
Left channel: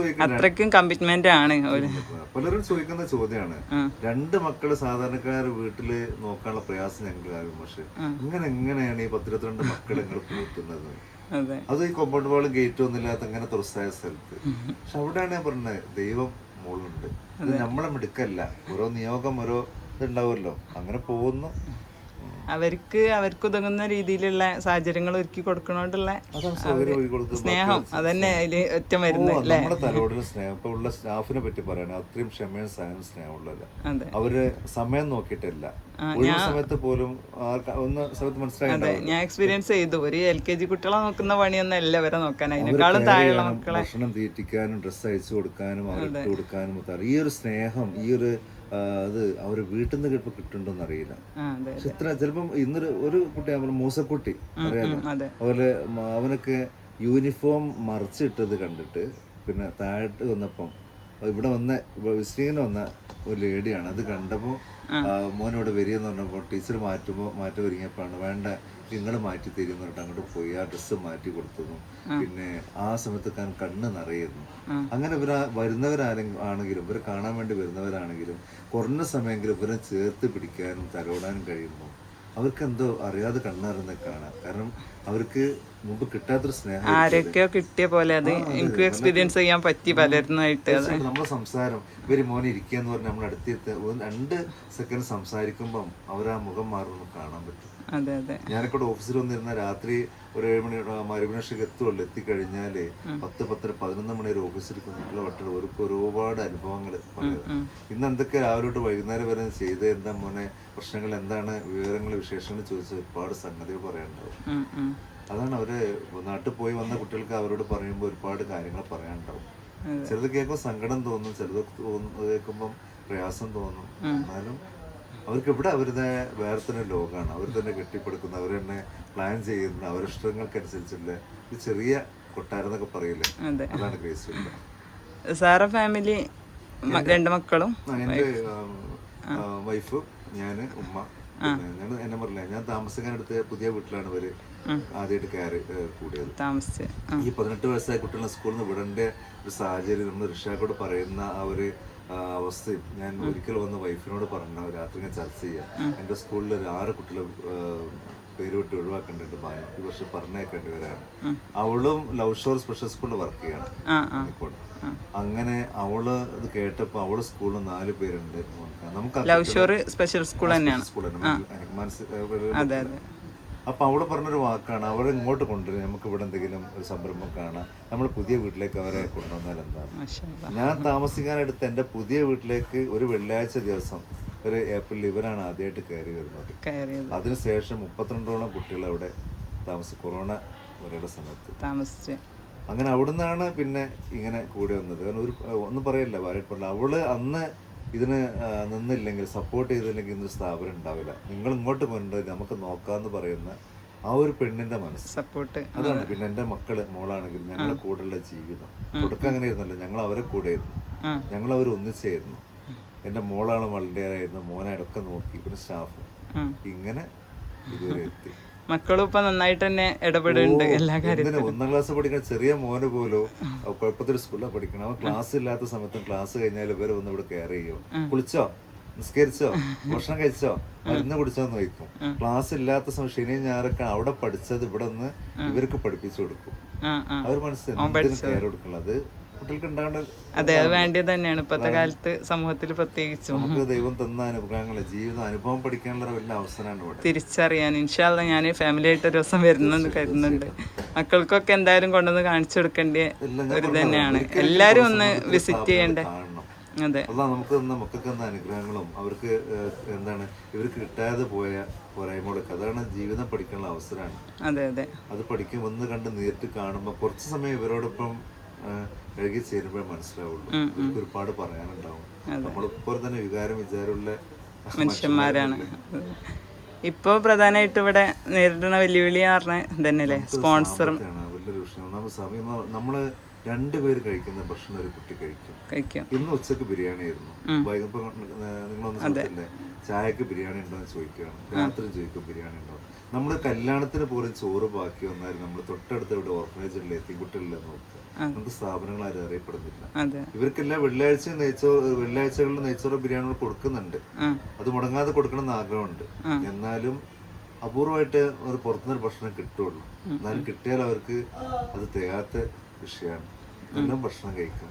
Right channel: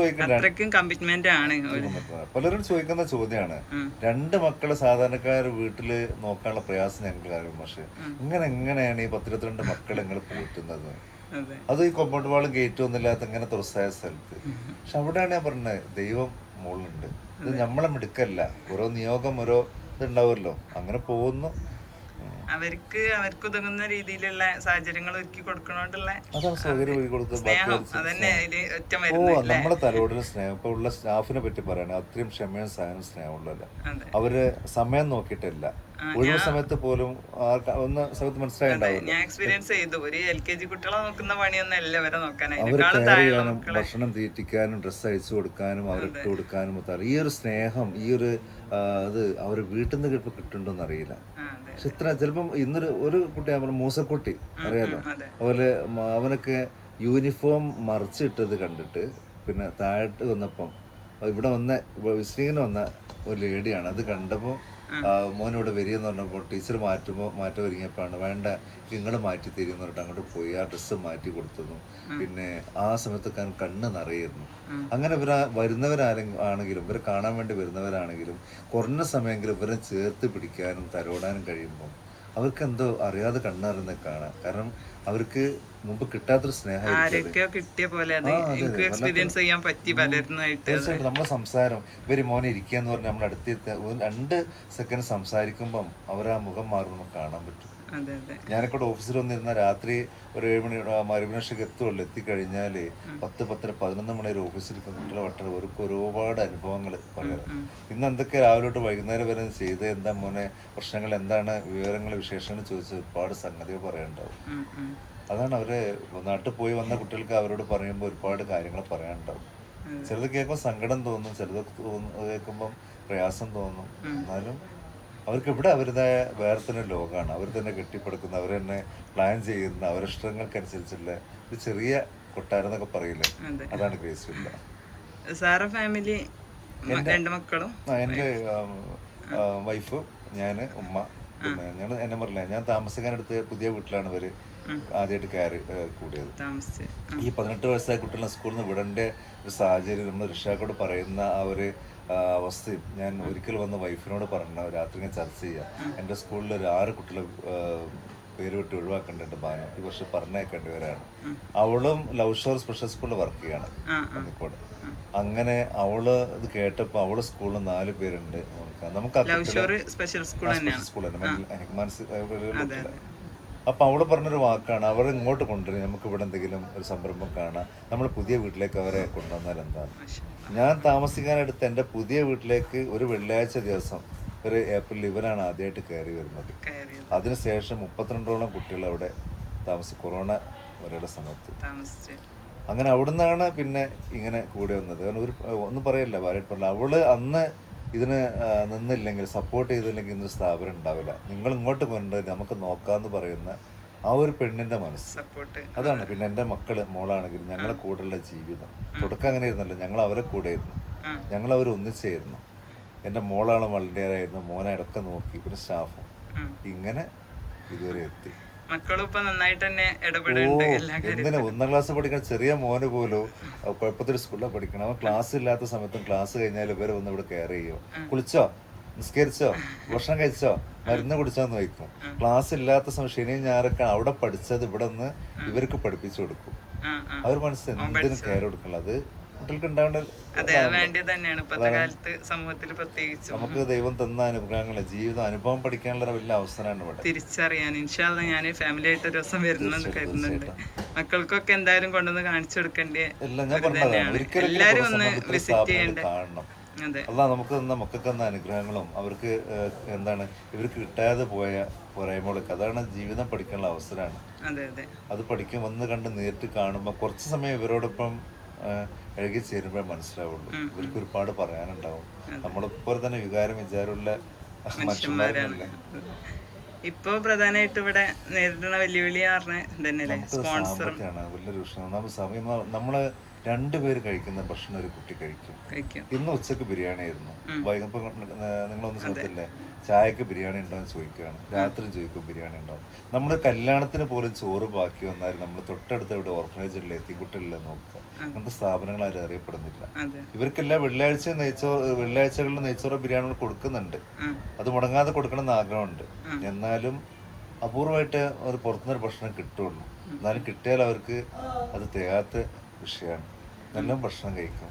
പലരും ചോദിക്കുന്ന ചോദ്യമാണ്. 2 മക്കള് സാധാരണക്കാർ വീട്ടില് നോക്കാനുള്ള പ്രയാസം ഞങ്ങൾക്ക് അറിയും. പക്ഷെ എങ്ങനെയാണ് ഈ 10-22 മക്കൾ നിങ്ങൾ പോറ്റുന്നത്? അത് ഈ കോമ്പൗണ്ട് വാളും ഗേറ്റും ഒന്നും ഇല്ലാത്ത ഇങ്ങനെ തുറസായ സ്ഥലത്ത്. പക്ഷെ അവിടെയാണ് ഞാൻ പറഞ്ഞത്, ദൈവം മുകളിലുണ്ട്. ഇത് നമ്മളെ മിടുക്കല്ല, ഓരോ നിയോഗം ഓരോ ഇതുണ്ടാവുമല്ലോ, അങ്ങനെ പോകുന്നു. അവർക്ക് ഉതകുന്ന രീതിയിലുള്ള സാഹചര്യങ്ങൾ ഒരുക്കി കൊടുക്കണോണ്ടുള്ള സ്നേഹം അതന്നെ അതില് ഒറ്റ നമ്മളെ തലോടിന് സ്നേഹം. ഇപ്പൊ ഉള്ള സ്റ്റാഫിനെ പറ്റി പറയണ അത്രയും ക്ഷമയും സഹനം സ്നേഹമുള്ളതല്ല. അവര് സമയം നോക്കിയിട്ടല്ല, ഒഴിവ് സമയത്ത് പോലും സമയത്ത് മനസ്സിലായിണ്ടാവില്ല. ഞാൻ എക്സ്പീരിയൻസ് ചെയ്തു. ഒരു LKG കുട്ടികളെ നോക്കുന്ന പണിയൊന്നും അല്ല വരെ നോക്കാനും, ഭക്ഷണം തീറ്റിക്കാനും ഡ്രസ്സ് അയച്ചു കൊടുക്കാനും അവരിട്ട് കൊടുക്കാനും. ഈ ഒരു സ്നേഹം, ഈ ഒരു അത് അവര് വീട്ടിൽ നിന്ന് ചിലപ്പോൾ കിട്ടുന്നുണ്ടോന്ന് അറിയില്ല. പക്ഷെ ഇത്ര ചിലപ്പം ഒരു കുട്ടി മൂസക്കുട്ടി അറിയാലോ, അതുപോലെ അവനൊക്കെ യൂണിഫോം മറിച്ചിട്ടത് കണ്ടിട്ട് പിന്നെ താഴോട്ട് വന്നപ്പം ഇവിടെ വിസിറ്റിങ്ങിന് വന്ന ഒരു ലേഡിയാണ്. അത് കണ്ടപ്പോൾ മോനോട് വരികയെന്ന് പറഞ്ഞപ്പോൾ ടീച്ചർ മാറ്റം ഒരുങ്ങിയപ്പോഴാണ് വേണ്ട നിങ്ങൾ മാറ്റി തരുമെന്ന് പറഞ്ഞിട്ട് അങ്ങോട്ട് പോയി ആ ഡ്രസ്സ് മാറ്റി കൊടുത്തതും. പിന്നെ ആ സമയത്ത് കണ്ണ് നിറയായിരുന്നു. അങ്ങനെ വരുന്നവരാണെങ്കിലും ഇവരെ കാണാൻ വേണ്ടി വരുന്നവരാണെങ്കിലും കുറഞ്ഞ സമയമെങ്കിലും ഇവരെ ചേർത്ത് പിടിക്കാനും തലോടാനും കഴിയുമ്പോൾ അവർക്ക് എന്തോ അറിയാതെ കണ്ണറിഞ്ഞ കാണാം. കാരണം അവർക്ക് മുമ്പ് കിട്ടാത്തൊരു സ്നേഹം കിട്ടിയ പോലെ എക്സ്പീരിയൻസ് ചെയ്യാൻ പറ്റി പലരുന്നായിട്ട്. നമ്മളെ സംസാരം ഇവര് മോനെ ഇരിക്കുക എന്ന് പറഞ്ഞാൽ നമ്മൾ അടുത്ത് 2 സെക്കൻഡ് സംസാരിക്കുമ്പം അവരാ മുഖം മാറുമ്പോൾ കാണാൻ പറ്റും. ഞാനൊക്കെ ഓഫീസിൽ വന്നിരുന്ന രാത്രി ഒരു 7 മണി മരുമനക്ഷക്ക് എത്തുള്ളൂ. എത്തിക്കഴിഞ്ഞാല് 10-11 മണി വരെ ഓഫീസിലിരിക്കുന്ന വട്ടം ഒരുപാട് അനുഭവങ്ങൾ പറയാം. ഇന്ന് എന്തൊക്കെ രാവിലെ തൊട്ട് വൈകുന്നേരം വരെ ചെയ്ത് എന്താ മോനെ പ്രശ്നങ്ങൾ എന്താണ് വിവരങ്ങൾ വിശേഷങ്ങൾ ചോദിച്ച ഒരുപാട് സംഗതികൾ പറയാനുണ്ടാവും. അതാണ് അവര് നാട്ടിൽ പോയി വന്ന കുട്ടികൾക്ക് അവരോട് പറയുമ്പോൾ ഒരുപാട് കാര്യങ്ങൾ പറയാനുണ്ടാവും. ചിലത് കേൾക്കുമ്പോൾ സങ്കടം തോന്നും, ചിലത് കേൾക്കുമ്പം പ്രയാസം തോന്നും. എന്നാലും അവർക്ക് ഇവിടെ അവരുടേതായ വേറെ തന്നെ ലോകമാണ്. അവർ തന്നെ കെട്ടിപ്പടുക്കുന്ന, അവർ തന്നെ പ്ലാൻ ചെയ്യുന്ന, അവരുടെ ഇഷ്ടങ്ങൾക്കനുസരിച്ചുള്ള ഒരു ചെറിയ കൊട്ടാരം എന്നൊക്കെ പറയില്ലേ, അതാണ് ഗ്രേസ്വില്ല. ഫാമിലി 2 മക്കളും എൻ്റെ വൈഫ്, ഞാന്, ഉമ്മ. പിന്നെ എന്നെ പറഞ്ഞില്ല, ഞാൻ താമസിക്കാനെടുത്ത് പുതിയ വീട്ടിലാണ് ഇവര് ആദ്യമായിട്ട് കയറി കൂടിയത്. ഈ 18 വയസ്സായ കുട്ടികളെ സ്കൂളിൽ നിന്ന് വിടേണ്ട ഒരു സാഹചര്യം നമ്മൾ രക്ഷാക്കോട് പറയുന്ന ആ ഒരു അവസ്ഥയും ഞാൻ ഒരിക്കൽ വന്ന് വൈഫിനോട് പറഞ്ഞു, രാത്രി ഞാൻ ചർച്ച ചെയ്യാം. എൻ്റെ സ്കൂളിൽ ഒരു 6 കുട്ടികളെ പേര് വിട്ട് ഒഴിവാക്കേണ്ടത് ബാനു ഈ വർഷം പറഞ്ഞേക്കേണ്ടവരാണ്. അവളും ലവ് ഷോർ സ്പെഷ്യൽ സ്കൂളിൽ വർക്ക് ചെയ്യാണ് കോഴിക്കോട്. അങ്ങനെ അവള് ഇത് കേട്ടപ്പോ അവളെ സ്കൂളിൽ 4 പേരുണ്ട്. നമുക്ക് സ്പെഷ്യൽ സ്കൂൾ അപ്പൊ അവള് പറഞ്ഞൊരു വാക്കാണ്, അവരെ ഇങ്ങോട്ട് കൊണ്ടുവരും, നമുക്ക് ഇവിടെ എന്തെങ്കിലും ഒരു സംരംഭം കാണാം, നമ്മൾ പുതിയ വീട്ടിലേക്ക് അവരെ കൊണ്ടുവന്നാൽ എന്താണ്. ഞാൻ താമസിക്കാനെടുത്ത് എൻ്റെ പുതിയ വീട്ടിലേക്ക് ഒരു വെള്ളിയാഴ്ച ദിവസം ഒരു ഏപ്രിൽ ഇവരാണ് ആദ്യമായിട്ട് കയറി വരുന്നത്. അതിനുശേഷം 32ഓളം കുട്ടികൾ അവിടെ കൊറോണ വരെയുള്ള സമയത്ത് അങ്ങനെ അവിടുന്നാണ് പിന്നെ ഇങ്ങനെ കൂടെ വന്നത്. കാരണം ഒന്നും പറയല്ല, ഭാര്യപ്പെടില്ല. അവള് അന്ന് ഇതിന് നിന്നില്ലെങ്കിൽ, സപ്പോർട്ട് ചെയ്തില്ലെങ്കിൽ ഇന്നൊരു സ്ഥാപനം ഉണ്ടാവില്ല. നിങ്ങൾ ഇങ്ങോട്ട് കൊണ്ടുവരും, നമുക്ക് നോക്കാന്ന് പറയുന്ന ആ ഒരു പെണ്ണിന്റെ മനസ്സ്, അതാണ്. പിന്നെ എൻ്റെ മോളാണെങ്കിലും ഞങ്ങളെ കൂടെയുള്ള ജീവിതം തുടക്കം അങ്ങനെ ആയിരുന്നല്ലോ, ഞങ്ങൾ അവരെ കൂടെ ആയിരുന്നു, ഞങ്ങൾ അവർ ഒന്നിച്ചായിരുന്നു. എൻ്റെ മോളാണ് വളരെയായിരുന്നു, മോനെ അടക്കം നോക്കി, പിന്നെ സ്റ്റാഫും ഇങ്ങനെ ഇതുവരെ എത്തി. മക്കളും ഇപ്പൊ നന്നായിട്ട് തന്നെ ഇടപെടുന്നുണ്ട്. 1ാം ക്ലാസ് പഠിക്കുന്ന ചെറിയ മോന് പോലും കുഴപ്പത്തിൽ സ്കൂളിൽ പഠിക്കണം. അവൻ ക്ലാസ് ഇല്ലാത്ത സമയത്തും ക്ലാസ് കഴിഞ്ഞാൽ ഇവരെ വന്ന് ഇവിടെ കെയർ ചെയ്യും. കുളിച്ചോ, നിസ്കരിച്ചോ, ഭക്ഷണം കഴിച്ചോ, മരുന്ന് കുടിച്ചോന്ന് ചോദിക്കും. ക്ലാസ് ഇല്ലാത്ത സമയം ശനിയും ഞായറൊക്കെ അവിടെ പഠിച്ചത് ഇവിടെ നിന്ന് ഇവർക്ക് പഠിപ്പിച്ചു കൊടുക്കും. അവർ മനസ്സിൽ എന്തിനും കെയർ കൊടുക്കണം. അത് കുട്ടികൾക്ക് ഉണ്ടാവേണ്ട നമുക്ക് ദൈവം തന്ന അനുഗ്രഹങ്ങളെ ജീവിതം അനുഭവം പഠിക്കാനുള്ള വലിയ അവസരമാണ് ഇവിടെ തിരിച്ചറിയാൻ. ഇൻഷാല്ലാ ഞാൻ ഫാമിലി ആയിട്ട് ഒരു ദിവസം വരുന്നെന്ന് കരുതുന്നുണ്ട്. മക്കൾക്കൊക്കെ എന്തായാലും കൊണ്ടുവന്ന് കാണിച്ചു കൊടുക്കേണ്ട തന്നെയാണ്. എല്ലാരും ഒന്ന് വിസിറ്റ് ചെയ്യേണ്ട കാണണം. അല്ല നമുക്ക് തന്ന മക്കൾക്ക് തന്ന അനുഗ്രഹങ്ങളും അവർക്ക് എന്താണ് ഇവർക്ക് കിട്ടാതെ പോയ പോരായ്മകളൊക്കെ, അതാണ് ജീവിതം പഠിക്കാനുള്ള അവസരമാണ്. അത് പഠിക്കും വന്ന് കണ്ട് നേരിട്ട് കാണുമ്പോൾ കുറച്ച് സമയം ഇവരോടൊപ്പം ഇഴകി ചേരുമ്പോഴേ മനസ്സിലാവുള്ളൂ. ഇവർക്ക് ഒരുപാട് പറയാനുണ്ടാവും. നമ്മളിപ്പോൾ തന്നെ വികാരം വിചാരമുള്ള മനുഷ്യന്മാരാണ്. ഇപ്പൊ പ്രധാനമായിട്ട് ഇവിടെ നേരിടുന്ന വെല്ലുവിളി പറഞ്ഞ തന്നെയല്ലേ സ്പോൺസർ വലിയൊരു വിഷയം. സമയം നമ്മള് രണ്ടുപേര് കഴിക്കുന്ന ഭക്ഷണം ഒരു കുട്ടി കഴിക്കും. ഇന്ന് ഉച്ചക്ക് ബിരിയാണി ആയിരുന്നു, വൈകുന്നേരം നിങ്ങളൊന്ന് ചോദിച്ചില്ലേ ചായക്ക് ബിരിയാണി ഉണ്ടോ എന്ന് ചോദിക്കുകയാണ്, രാത്രി ചോദിക്കും ബിരിയാണി ഉണ്ടോ. നമ്മൾ കല്യാണത്തിന് പോലും ചോറ് ബാക്കി വന്നാൽ നമ്മൾ തൊട്ടടുത്ത് ഇവിടെ ഓർഫനേജിലെ എത്തിക്കുട്ടിലെ നോക്കുക, അങ്ങനത്തെ സ്ഥാപനങ്ങൾ ആരും അറിയപ്പെടുന്നില്ല. ഇവർക്കെല്ലാം വെള്ളിയാഴ്ചകളിൽ നെയ്ച്ചോറ് ബിരിയാണികൾ കൊടുക്കുന്നുണ്ട്, അത് മുടങ്ങാതെ കൊടുക്കണം എന്ന് ആഗ്രഹമുണ്ട്. എന്നാലും അപൂർവമായിട്ട് ഒരു പുറത്തുനിന്നൊരു ഭക്ഷണം കിട്ടുള്ളൂ. എന്നാലും കിട്ടിയാൽ അവർക്ക് അത് തികയാത്ത വിഷയമാണ്. നല്ല ഭക്ഷണം കഴിക്കും.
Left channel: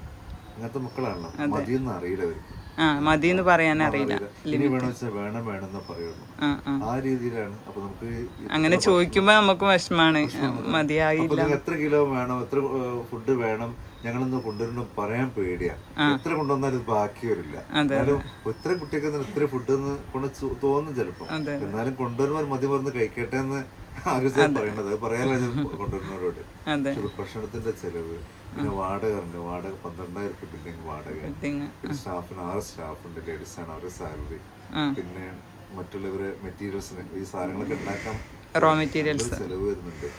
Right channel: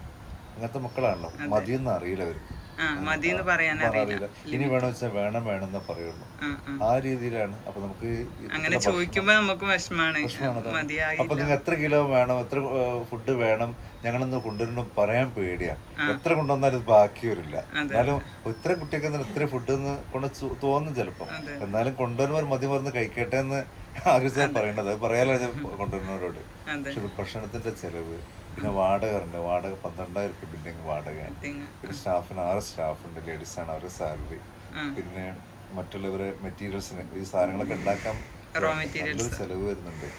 അങ്ങനത്തെ മക്കളാണല്ലോ, മതിയൊന്നും അറിയില്ല അവർക്ക്, അറിയില്ല. ഇനി വേണം വെച്ചാൽ വേണം വേണമെന്നേ പറയുള്ളൂ. ആ രീതിയിലാണ്. അപ്പൊ നമുക്ക് അങ്ങനെ ചോദിക്കുമ്പോ നമുക്ക് വിഷമാണ്. അപ്പൊ നിങ്ങൾക്ക് എത്ര കിലോ വേണം, എത്ര ഫുഡ് വേണം, ഞങ്ങളൊന്ന് കൊണ്ടുവരണം പറയാൻ പേടിയാ. എത്ര കൊണ്ടുവന്നാലും ബാക്കി വരില്ല. എന്നാലും ഇത്ര കുട്ടിയൊക്കെ ഇത്ര ഫുഡ് ഒന്ന് കൊണ്ട് തോന്നും ചിലപ്പോ. എന്നാലും കൊണ്ടുവരുമ്പോൾ മതി മറന്ന് കഴിക്കട്ടെ എന്ന് ആഗ്രഹിച്ചാൽ പറയേണ്ടത്. അത് പറയാലോ കൊണ്ടുവരുന്നവരോട്. പക്ഷെ ഭക്ഷണത്തിന്റെ ചെലവ്, പിന്നെ വാടക ഉണ്ട്. വാടക 12,000 രൂപ ബിൽഡിംഗ് വാടക. പിന്നെ സ്റ്റാഫിന് 6 സ്റ്റാഫുണ്ട്, ലേഡീസാണ്, അവരുടെ സാലറി. പിന്നെ മറ്റുള്ളവര് മെറ്റീരിയൽസിന് ഈ സാധനങ്ങളൊക്കെ ഉണ്ടാക്കാൻ ചെലവ് വരുന്നുണ്ട്.